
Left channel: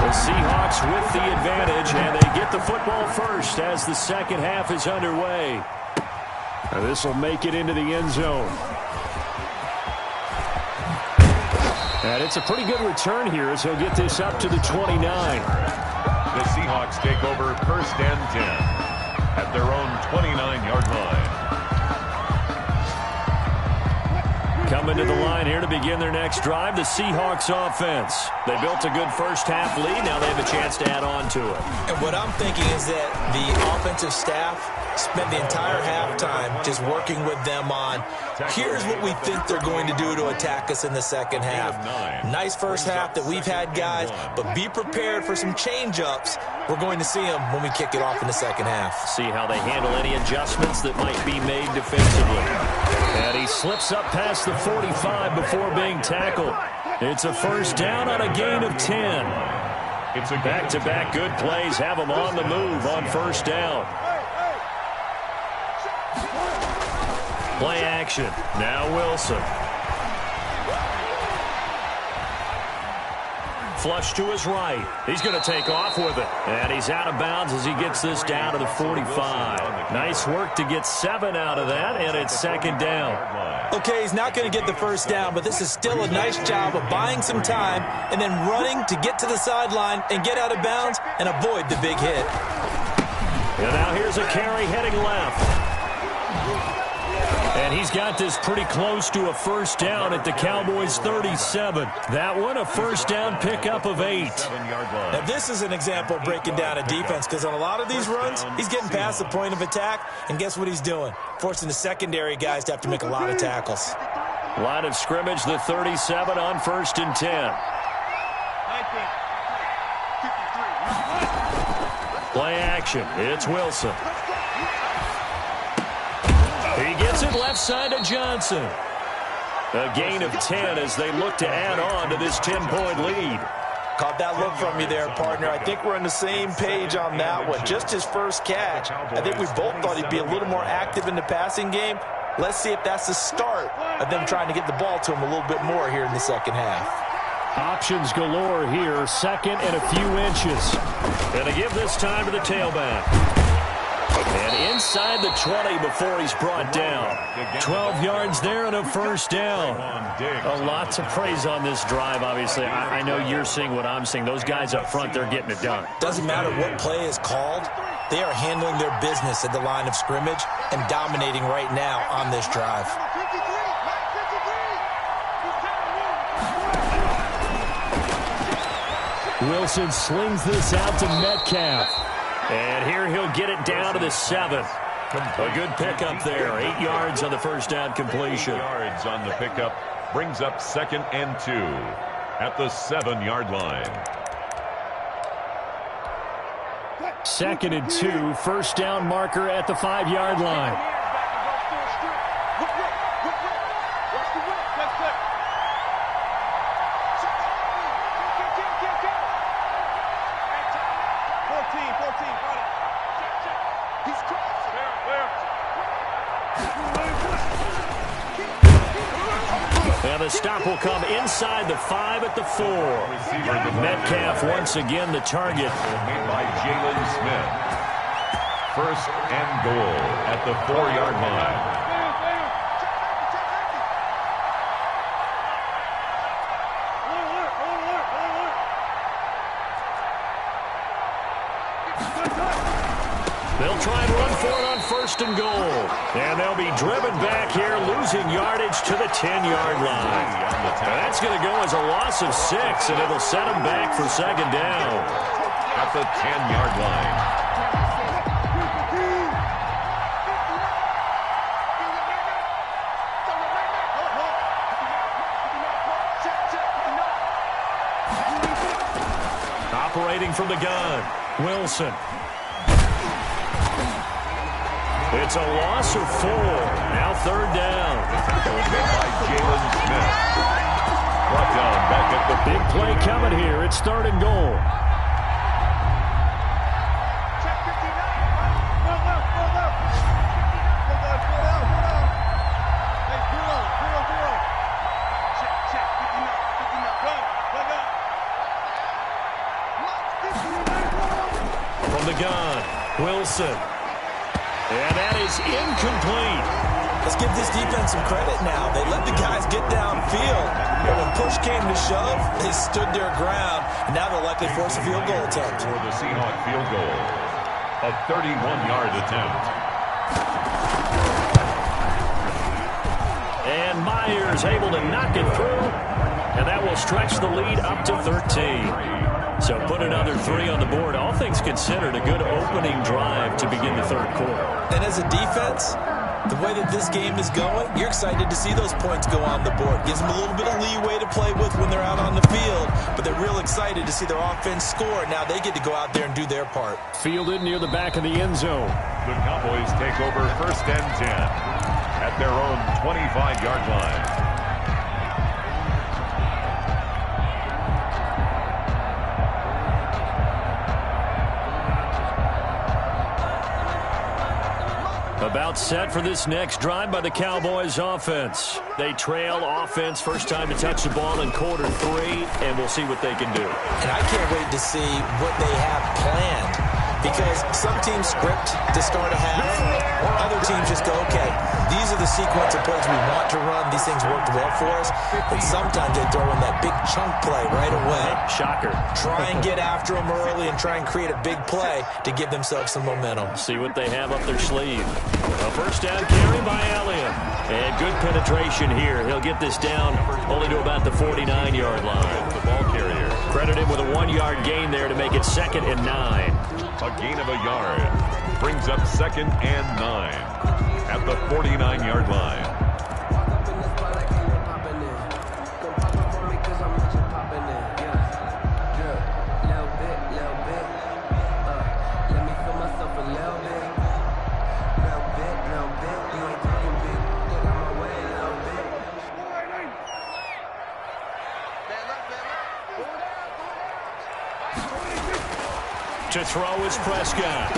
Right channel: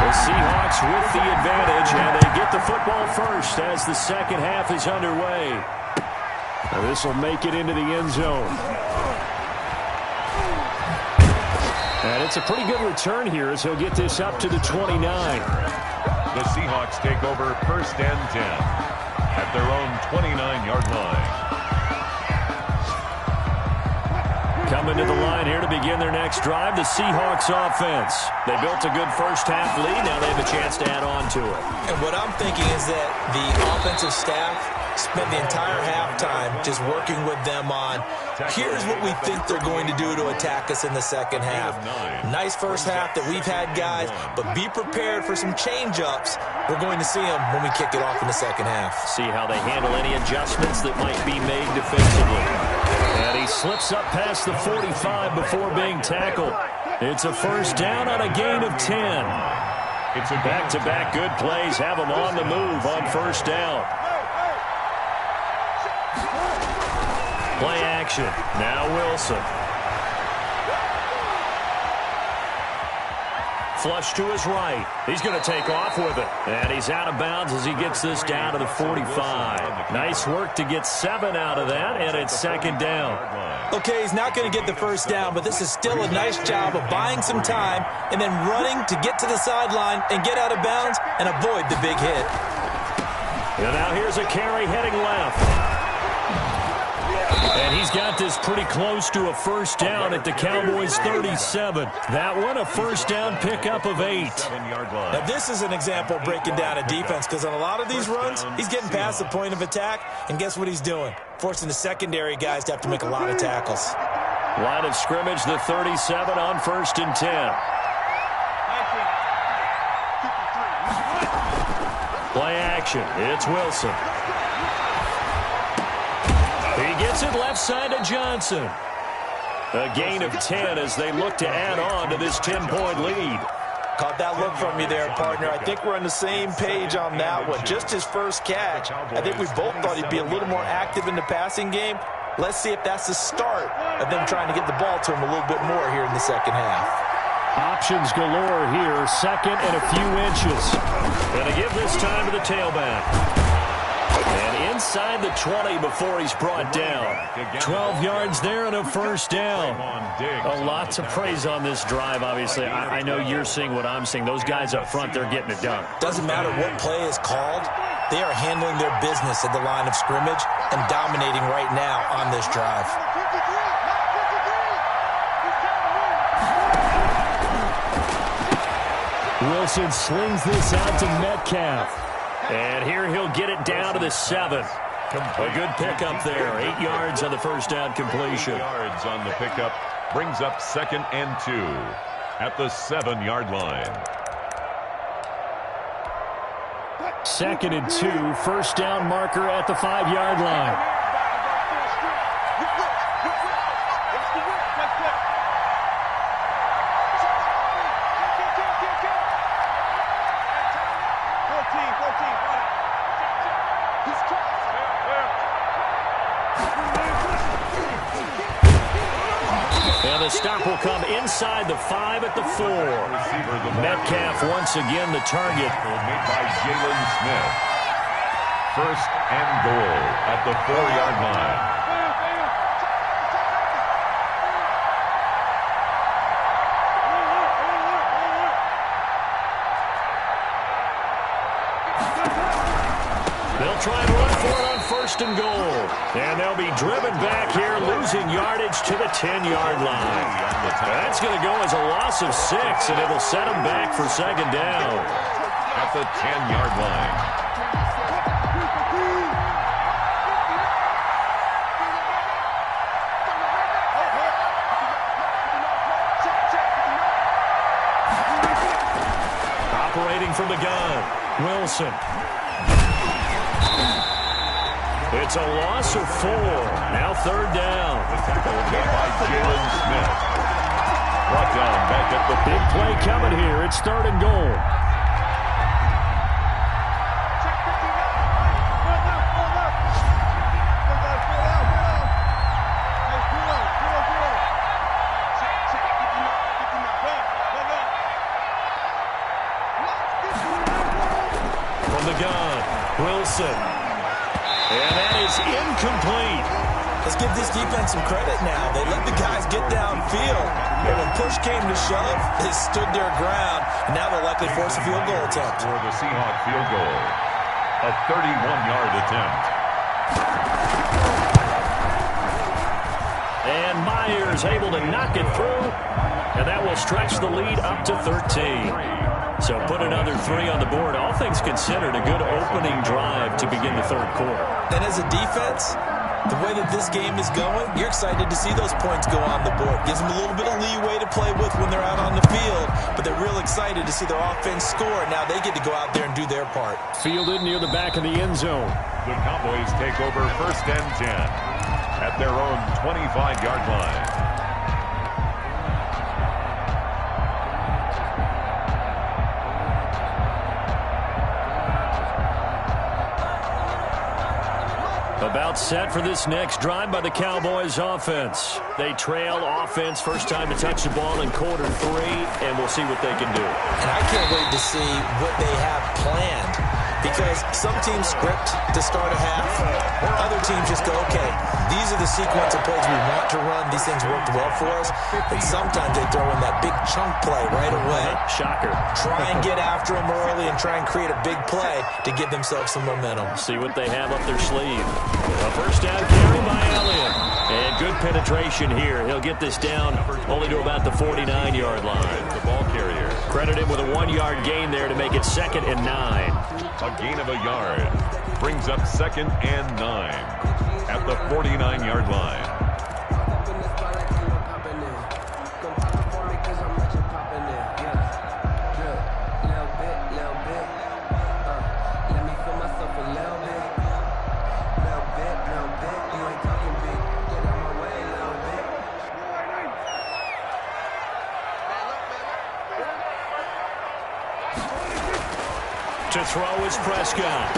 The Seahawks with the advantage, and they get the football first as the second half is underway. This will make it into the end zone. And it's a pretty good return here as he'll get this up to the 29. The Seahawks take over first and 10 at their own 29-yard line. Coming to the line here to begin their next drive, the Seahawks offense. They built a good first half lead. Now they have a chance to add on to it. And what I'm thinking is that the offensive staff spent the entire halftime just working with them on, here's what we think they're going to do to attack us in the second half. Nice first half that we've had, guys, but be prepared for some change-ups. We're going to see them when we kick it off in the second half. See how they handle any adjustments that might be made defensively. And he slips up past the 45 before being tackled. It's a first down on a gain of 10. It's a back-to-back good plays have them on the move on first down. Play action. Now Wilson. Flush to his right. He's going to take off with it. And he's out of bounds as he gets this down to the 45. Nice work to get 7 out of that, and it's second down. Okay, he's not going to get the first down, but this is still a nice job of buying some time and then running to get to the sideline and get out of bounds and avoid the big hit. And now here's a carry heading left. And he's got this pretty close to a first down at the Cowboys' 37. That one, a first down pickup of 8. Now, this is an example of breaking down a defense because on a lot of these runs, he's getting past the point of attack, and guess what he's doing? Forcing the secondary guys to have to make a lot of tackles. Line of scrimmage, the 37 on 1st and 10. Play action. It's Wilson. He gets it left side to Johnson. A gain of 10 as they look to add on to this 10-point lead. Caught that look from you there, partner. I think we're on the same page on that one. Just his first catch. I think we both thought he'd be a little more active in the passing game. Let's see if that's the start of them trying to get the ball to him a little bit more here in the second half. Options galore here. Second and a few inches. And they give this time to the tailback. And inside the 20 before he's brought down. 12 yards there and a first down. Lots of praise on this drive, obviously. I know you're seeing what I'm seeing. Those guys up front, they're getting it done. Doesn't matter what play is called. They are handling their business at the line of scrimmage and dominating right now on this drive. Wilson slings this out to Metcalf. And here he'll get it down to the 7. A good pickup there. 8 yards on the first down completion. 8 yards on the pickup brings up 2nd and 2 at the 7-yard line. 2nd and 2, first down marker at the 5-yard line. And the stop will come inside the 5 at the 4. Metcalf once again the target. Made by Jalen Smith. 1st and goal at the 4-yard line. They'll try and run for it on 1st and goal. And they'll be driven back here, losing yardage to the 10-yard line. That's going to go as a loss of 6, and it'll set them back for 2nd down. At the 10-yard line. Operating from the gun, Wilson. It's a loss of 4. Now 3rd down. The tackle made by Jalen Smith. Brought down back at the big play coming here. It's 3rd and goal. From the gun, Wilson. And that is incomplete. Let's give this defense some credit now. They let the guys get downfield. But when push came to shove, they stood their ground. And now they'll likely force a field goal attempt. For the Seahawks field goal. A 31-yard attempt. And Myers able to knock it through. And that will stretch the lead up to 13. So put another 3 on the board. All things considered, a good opening drive to begin the third quarter. And as a defense, the way that this game is going, you're excited to see those points go on the board. Gives them a little bit of leeway to play with when they're out on the field, but they're real excited to see their offense score. Now they get to go out there and do their part. Fielded near the back of the end zone. The Cowboys take over 1st and 10 at their own 25-yard line. About set for this next drive by the Cowboys offense. They trail offense, first time to touch the ball in quarter 3, and we'll see what they can do. And I can't wait to see what they have planned, because some teams script to start a half, or other teams just go, okay, these are the sequence of plays we want to run. These things worked well for us. And sometimes they throw in that big chunk play right away. Shocker. Try and get after them early and try and create a big play to give themselves some momentum. See what they have up their sleeve. A first down carry by Elliott. And good penetration here. He'll get this down only to about the 49-yard line. The ball carrier. Credit him with a 1-yard gain there to make it 2nd and 9. A gain of a yard. Brings up 2nd and 9 at the 49-yard line. To throw is Prescott.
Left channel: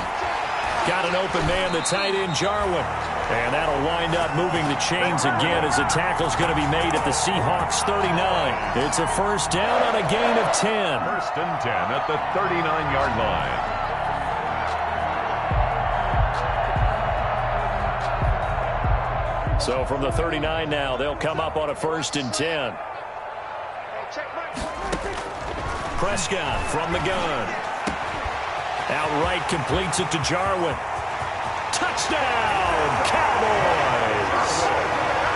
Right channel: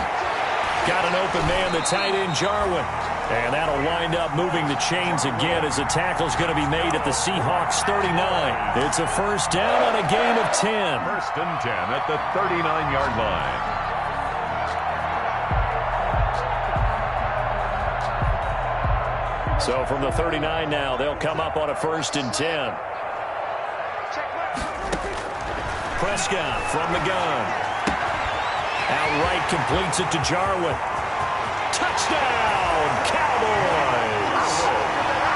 Got an open man, the tight end, Jarwin. And that'll wind up moving the chains again as the tackle's going to be made at the Seahawks 39. It's a first down on a gain of 10. 1st and 10 at the 39-yard line. So from the 39 now, they'll come up on a 1st and 10. Prescott from the gun. Outright completes it to Jarwin. Touchdown, Cowboys!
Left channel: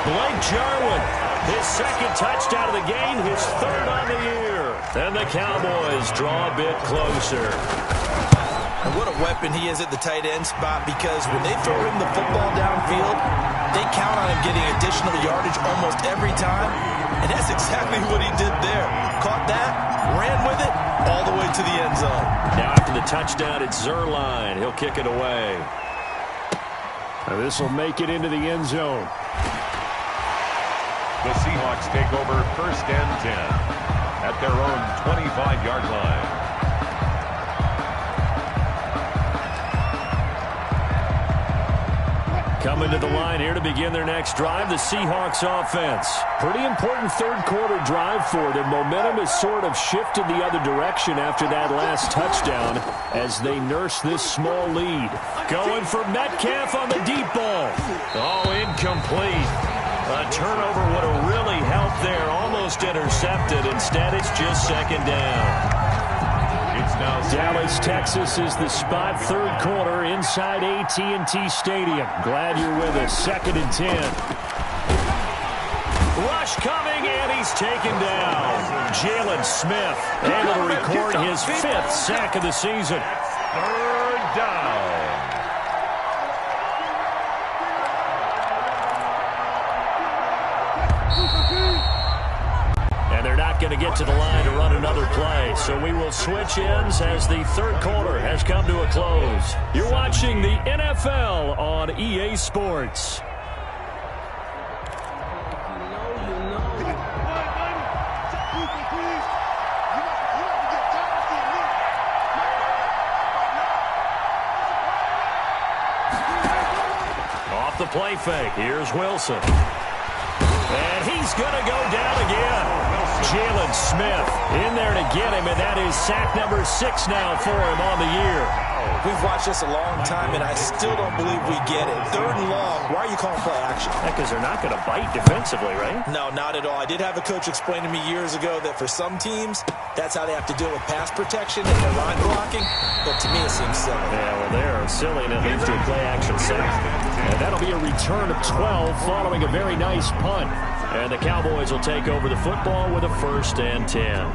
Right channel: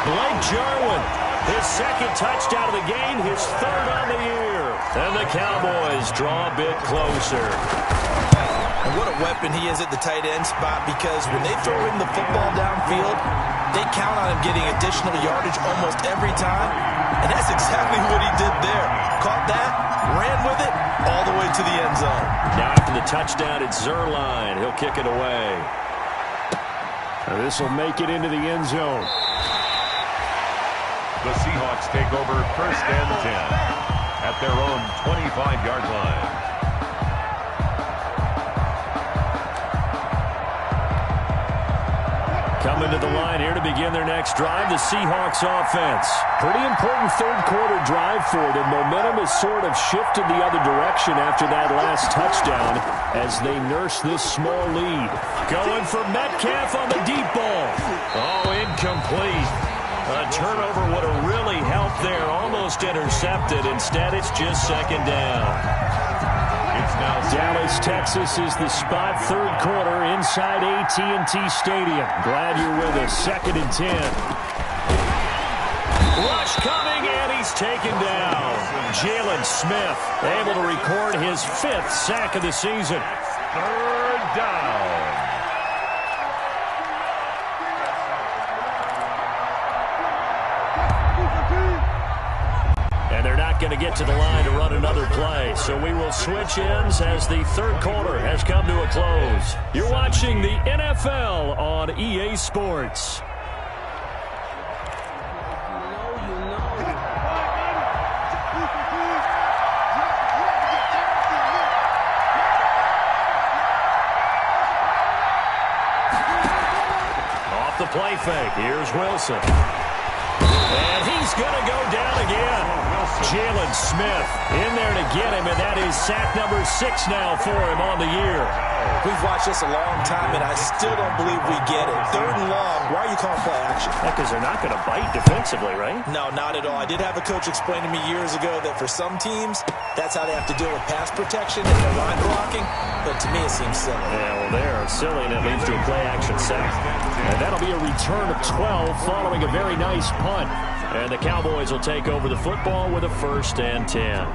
Blake Jarwin, his 2nd touchdown of the game, his 3rd on the year. And the Cowboys draw a bit closer. And what a weapon he is at the tight end spot, because when they throw him the football downfield, they count on him getting additional yardage almost every time. And that's exactly what he did there. Caught that, ran with it, all the way to the end zone. Now after the touchdown, it's Zerline. He'll kick it away. This will make it into the end zone. The Seahawks take over 1st and 10 at their own 25-yard line. Coming to the line here to begin their next drive, the Seahawks offense. Pretty important third quarter drive for them. Momentum has sort of shifted the other direction after that last touchdown as they nurse this small lead. Going for Metcalf on the deep ball. Oh, incomplete. A turnover would have really helped there. Almost intercepted. Instead, it's just 2nd down. It's now Dallas, Texas is the spot. Third quarter inside AT&T Stadium. Glad you're with us. 2nd and 10. Rush coming, and he's taken down. Jalen Smith able to record his 5th sack of the season. 3rd down. And they're not going to get to the line to run another play. So we will switch ends as the third quarter has come to a close. You're watching the NFL on EA Sports. Off the play fake. Here's Wilson. And he's going to go down again. Jalen Smith in there to get him, and that is sack number 6 now for him on the year. We've watched this a long time, and I still don't believe we get it. 3rd and long, why are you calling play action? Because they're not going to bite defensively, right? No, not at all. I did have a coach explain to me years ago that for some teams, that's how they have to deal with pass protection and their line blocking. But to me, it seems silly. Yeah, well, they're silly, and it leads to a play-action sack. And that'll be a return of 12 following a very nice punt. And the Cowboys will take over the football with a 1st and 10.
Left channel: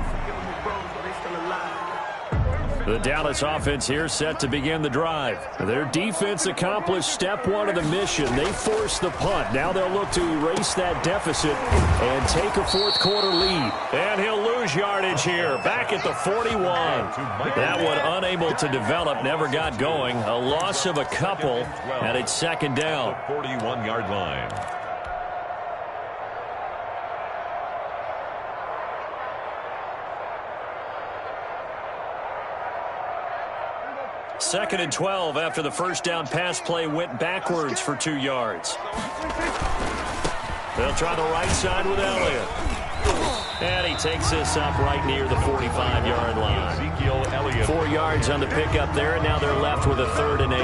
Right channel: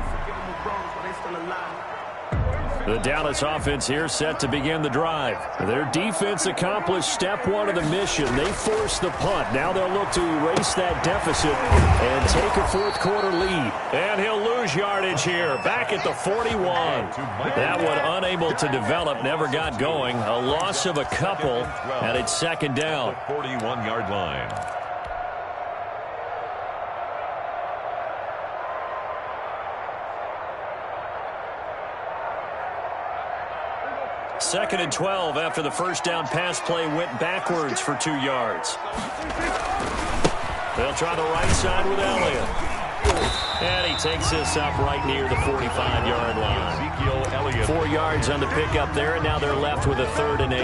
The Dallas offense here set to begin the drive. Their defense accomplished step one of the mission. They forced the punt. Now they'll look to erase that deficit and take a fourth-quarter lead. And he'll lose yardage here, back at the 41. That one unable to develop, never got going. A loss of a couple, and it's second down. 41-yard line. Second and 12 after the first down pass play went backwards for 2 yards. They'll try the right side with Elliott. And he takes this up right near the 45-yard line. 4 yards on the pickup there, and now they're left with a 3rd and 8.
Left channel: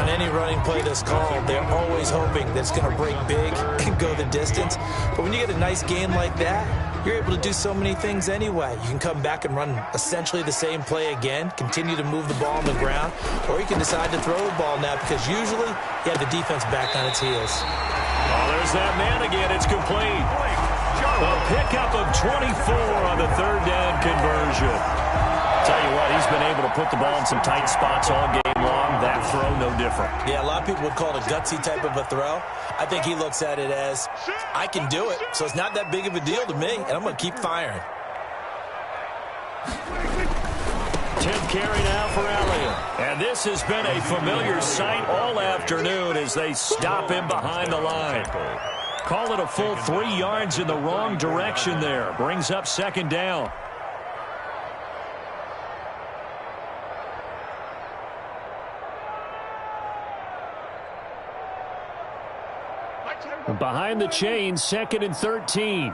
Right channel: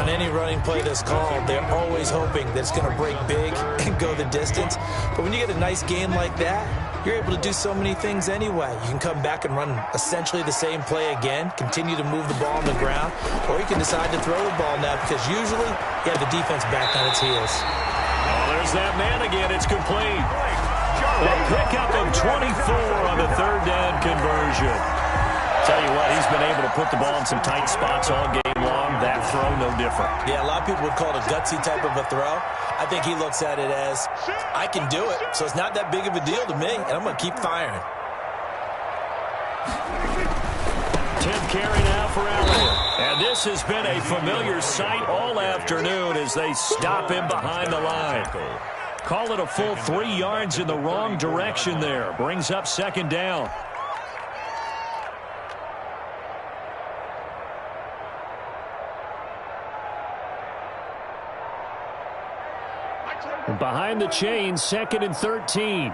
On any running play that's called, they're always hoping that it's going to break big and go the distance. But when you get a nice game like that, you're able to do so many things anyway. You can come back and run essentially the same play again, continue to move the ball on the ground, or you can decide to throw the ball now because usually you have the defense back on its heels. Oh, there's that man again. It's complete. A pickup of 24 on the 3rd down conversion. Tell you what, he's been able to put the ball in some tight spots all game long. That throw, no different. Yeah, a lot of people would call it a gutsy type of a throw. I think he looks at it as, I can do it, so it's not that big of a deal to me, and I'm going to keep firing. 10th carry now for Elliott. And this has been a familiar sight all afternoon as they stop him behind the line. Call it a full 3 yards in the wrong direction there. Brings up second down. Behind the chain, 2nd and 13.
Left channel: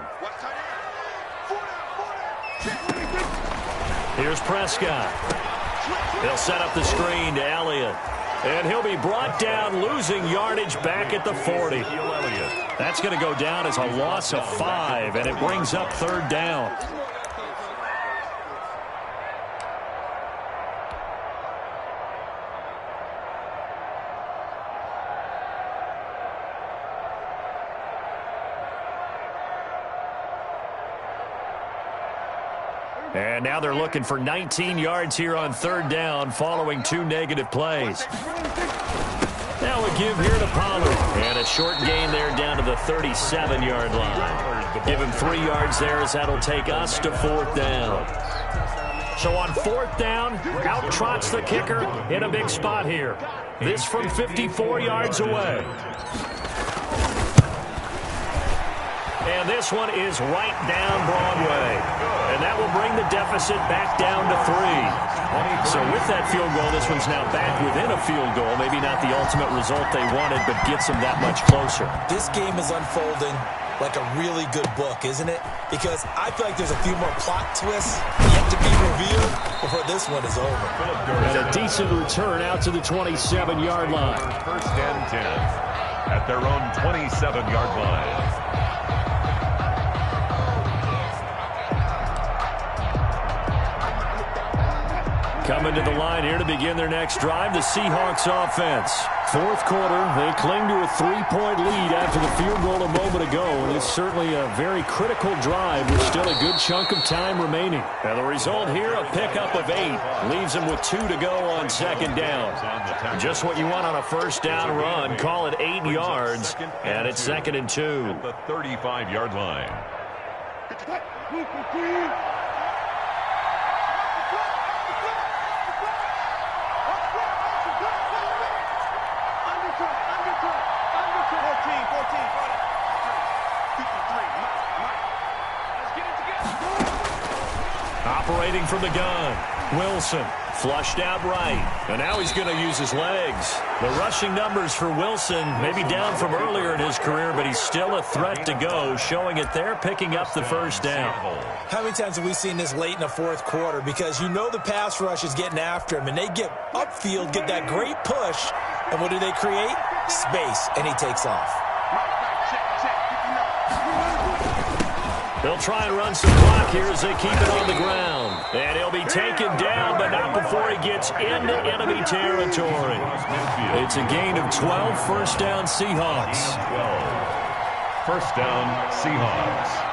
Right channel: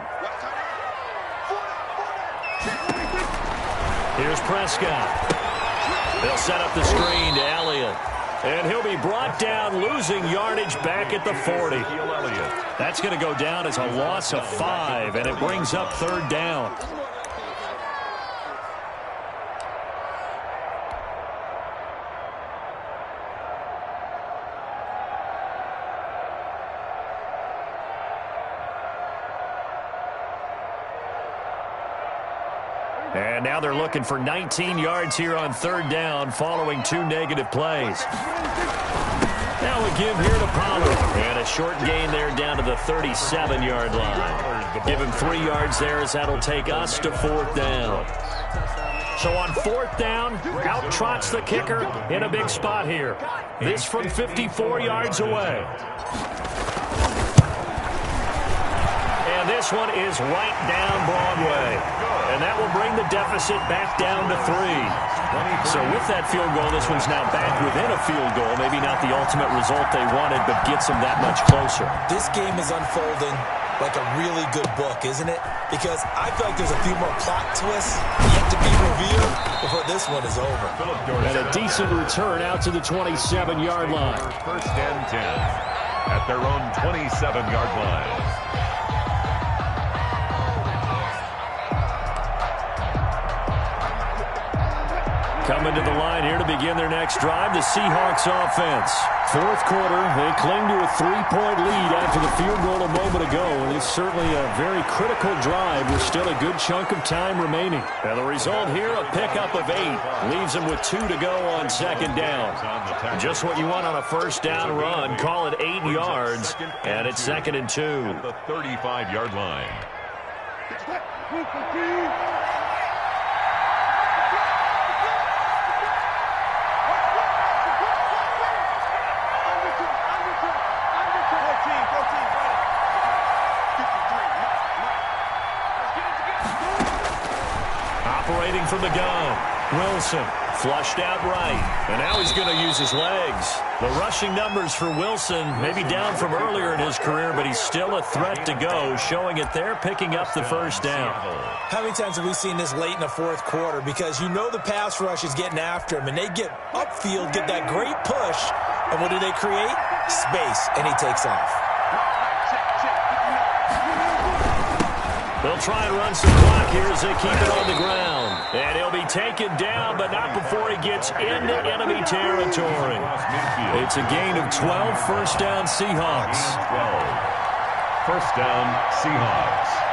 Here's Prescott. They'll set up the screen to Elliott. And he'll be brought down, losing yardage back at the 40. That's going to go down as a loss of 5, and it brings up 3rd down. And now they're looking for 19 yards here on 3rd down following 2 negative plays. Now a give here to Pollard. And a short gain there down to the 37-yard line. Give him 3 yards there as that'll take us to 4th down. So on 4th down, out trots the kicker in a big spot here. This from 54 yards away. And this one is right down Broadway. And that will bring the deficit back down to 3. So with that field goal, this one's now back within a field goal. Maybe not the ultimate result they wanted, but gets them that much closer. This game is unfolding like a really good book, isn't it? Because I feel like there's a few more plot twists yet to be revealed before this one is over. And a decent return out to the 27-yard line. 1st and 10 at their own 27-yard line. Coming to the line here to begin their next drive, the Seahawks offense. 4th quarter, they cling to a 3-point lead after the field goal a moment ago, and it's certainly a very critical drive with still a good chunk of time remaining. Now the result here, a pickup of 8. Leaves them with 2 to go on 2nd down. Just what you want on a 1st down run. Call it 8 yards, and it's 2nd and 2. At the 35-yard line. Operating from the gun, Wilson flushed out right, and now he's going to use his legs. The rushing numbers for Wilson maybe down from earlier in his career, but he's still a threat to go, showing it there, picking up the 1st down. How many times have we seen this late in the 4th quarter? Because you know the pass rush is getting after him, and they get upfield, get that great push, and what do they create? Space, and he takes off. They'll try and run some clock here as they keep it on the ground. And he'll be taken down, but not before he gets into enemy territory. It's a gain of 12, 1st down Seahawks. 12. 1st down Seahawks.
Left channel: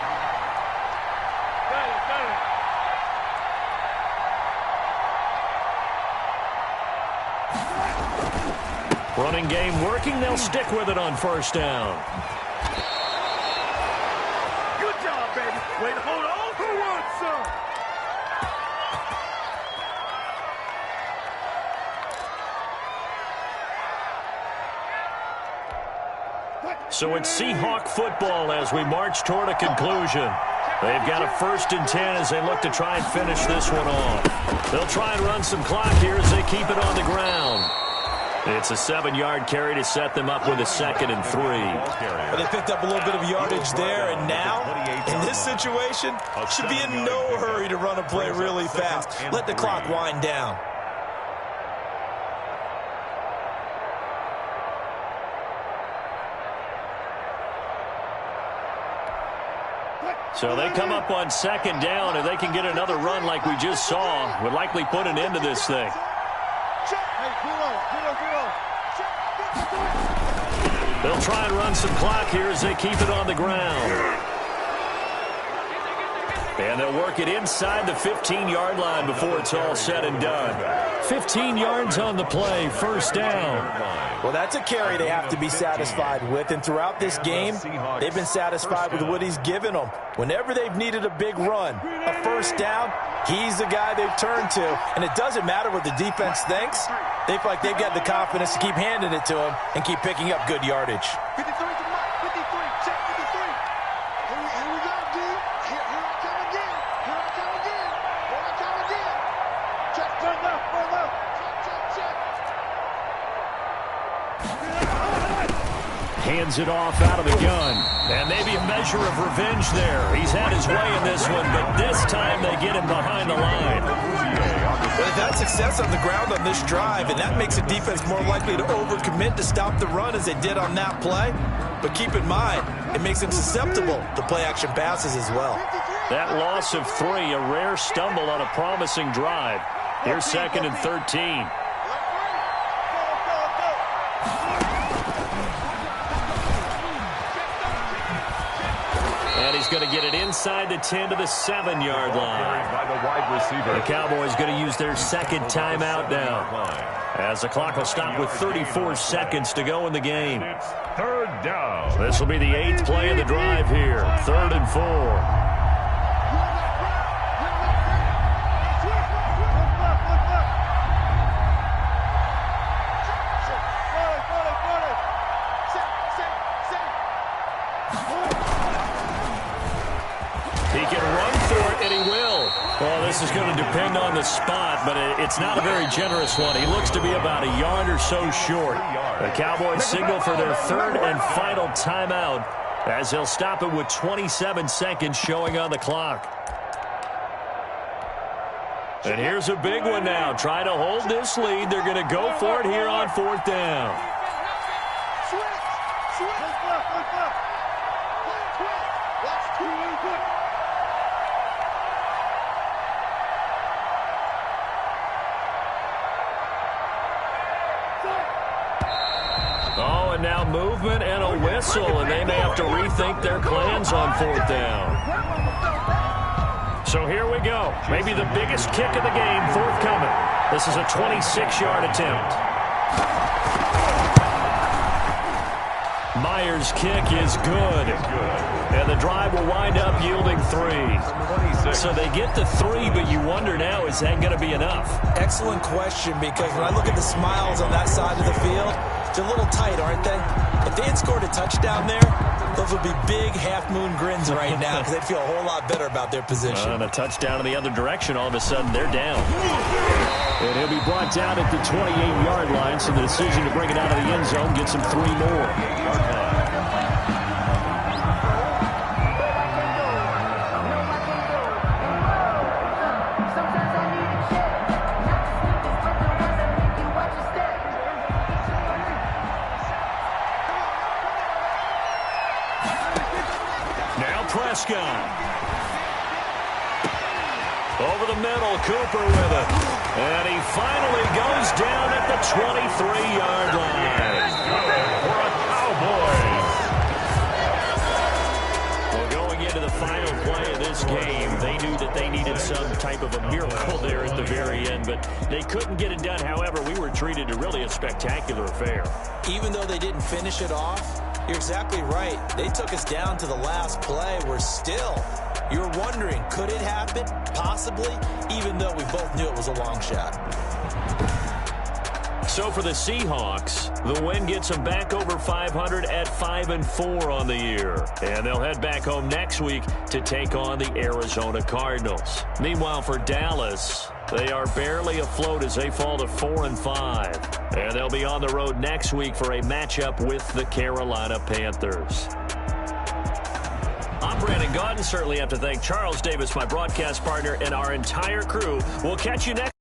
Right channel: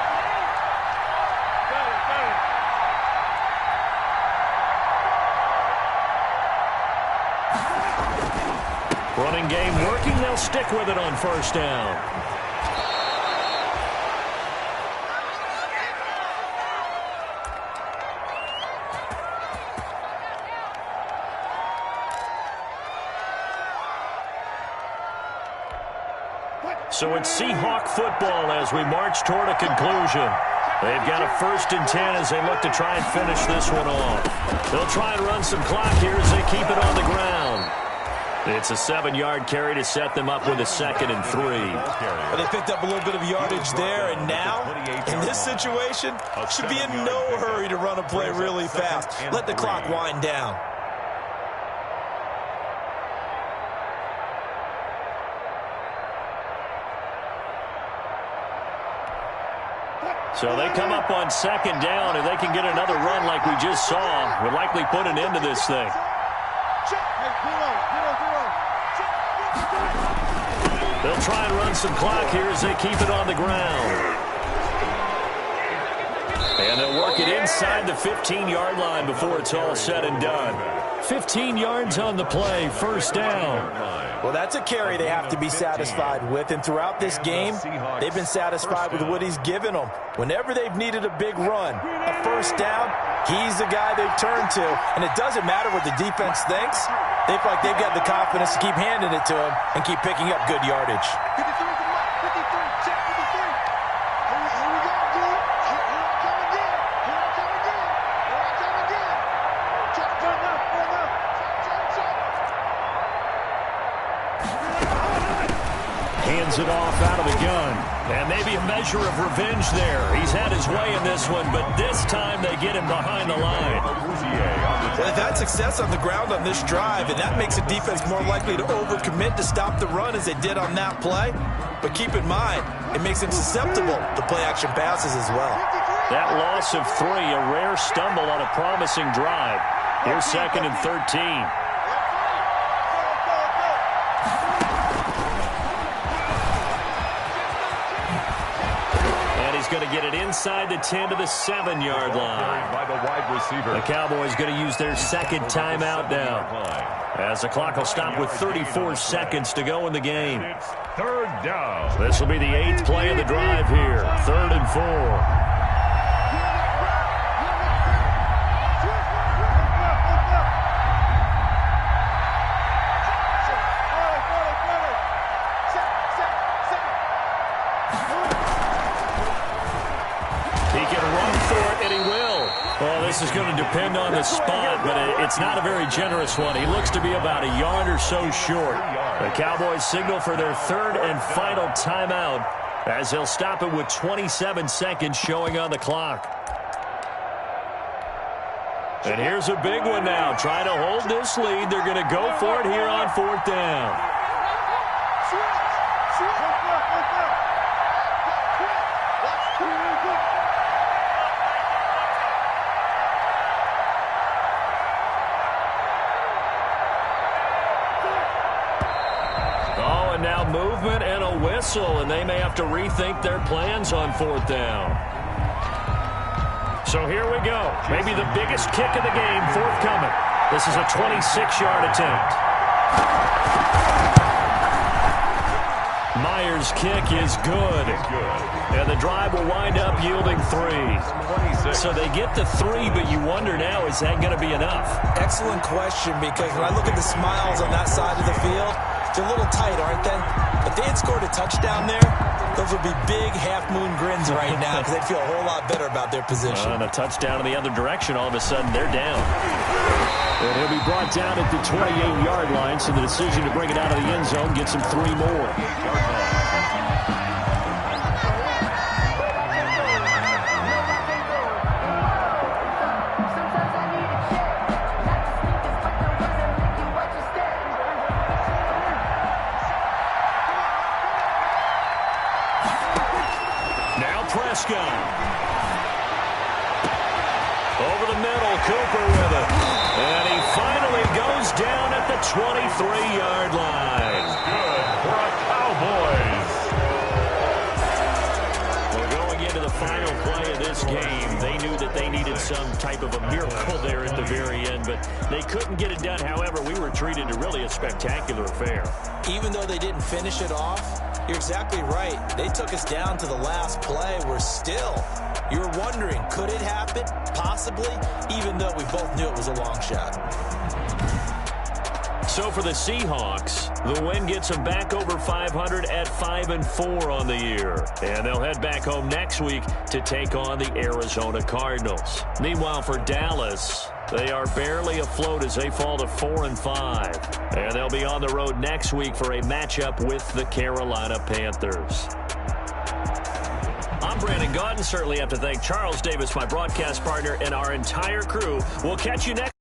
Running game working. They'll stick with it on first down. Good job, baby. Way to hold on for one, son. So it's Seahawk football as we march toward a conclusion. They've got a 1st and 10 as they look to try and finish this one off. They'll try and run some clock here as they keep it on the ground. It's a 7-yard carry to set them up with a 2nd and 3. Well, they picked up a little bit of yardage there, and now, in this situation, should be in no hurry to run a play really fast. Let the clock wind down. So they come up on 2nd down, and they can get another run like we just saw. Would likely put an end to this thing. They'll try and run some clock here as they keep it on the ground. And they'll work it inside the 15-yard line before it's all said and done. 15 yards on the play, 1st down. Well, that's a carry they have to be satisfied with, and throughout this game, they've been satisfied with what he's given them. Whenever they've needed a big run, a 1st down, he's the guy they've turned to, and it doesn't matter what the defense thinks. They feel like they've got the confidence to keep handing it to him and keep picking up good yardage. 53 to Mike. 53. Check 53. Here we go, D. Here I come again. Here I come again. Here I come again. Check. Run up. Check. Hands it off out of the gun. And maybe a measure of revenge there. He's had his way in this one, but this time they get him behind the line. Well, they've had success on the ground on this drive, and that makes the defense more likely to overcommit to stop the run as they did on that play. But keep in mind, it makes them susceptible to play-action passes as well. That loss of 3, a rare stumble on a promising drive. Here's 2nd and 13. And he's going to get it inside the 10 to the 7-yard line. By the wide receiver. The Cowboys going to use their 2nd timeout now, as the clock will stop with 34 seconds to go in the game. It's 3rd down. This will be the 8th play of the drive here. 3rd and 4. He can run for it, and he will. Well, this is going to depend on the spot, but it's not a very generous one. He looks to be about a yard or so short. The Cowboys signal for their 3rd and final timeout as they'll stop it with 27 seconds showing on the clock. And here's a big one now. Trying to hold this lead. They're going to go for it here on 4th down. Oh, and now movement and a whistle, and they may have to rethink their plans on 4th down. So here we go. Maybe the biggest kick of the game forthcoming. This is a 26-yard attempt. Myers' kick is good. And the drive will wind up yielding 3. So they get the 3, but you wonder now, is that going to be enough? Excellent question, because when I look at the smiles on that side of the field, they're a little tight, aren't they? If they had scored a touchdown there, those would be big half-moon grins right now because they'd feel a whole lot better about their position. And a touchdown in the other direction, all of a sudden they're down. And he'll be brought down at the 28-yard line, so the decision to bring it out of the end zone gets him 3 more. Prescott. Over the middle, Cooper with it. And he finally goes down at the 23-yard line. Good for a Cowboys. Well, going into into the final play of this game. They knew that they needed some type of a miracle there at the very end, but they couldn't get it done. However, we were treated to really a spectacular affair. Even though they didn't finish it off, you're exactly right. They took us down to the last play. We're still, you were wondering, could it happen? Possibly, even though we both knew it was a long shot. So for the Seahawks, the win gets them back over 500 at 5-4 on the year. And they'll head back home next week to take on the Arizona Cardinals. Meanwhile, for Dallas, they are barely afloat as they fall to 4-5. And they'll be on the road next week for a matchup with the Carolina Panthers. I'm Brandon Gaudin. Certainly have to thank Charles Davis, my broadcast partner, and our entire crew. We'll catch you next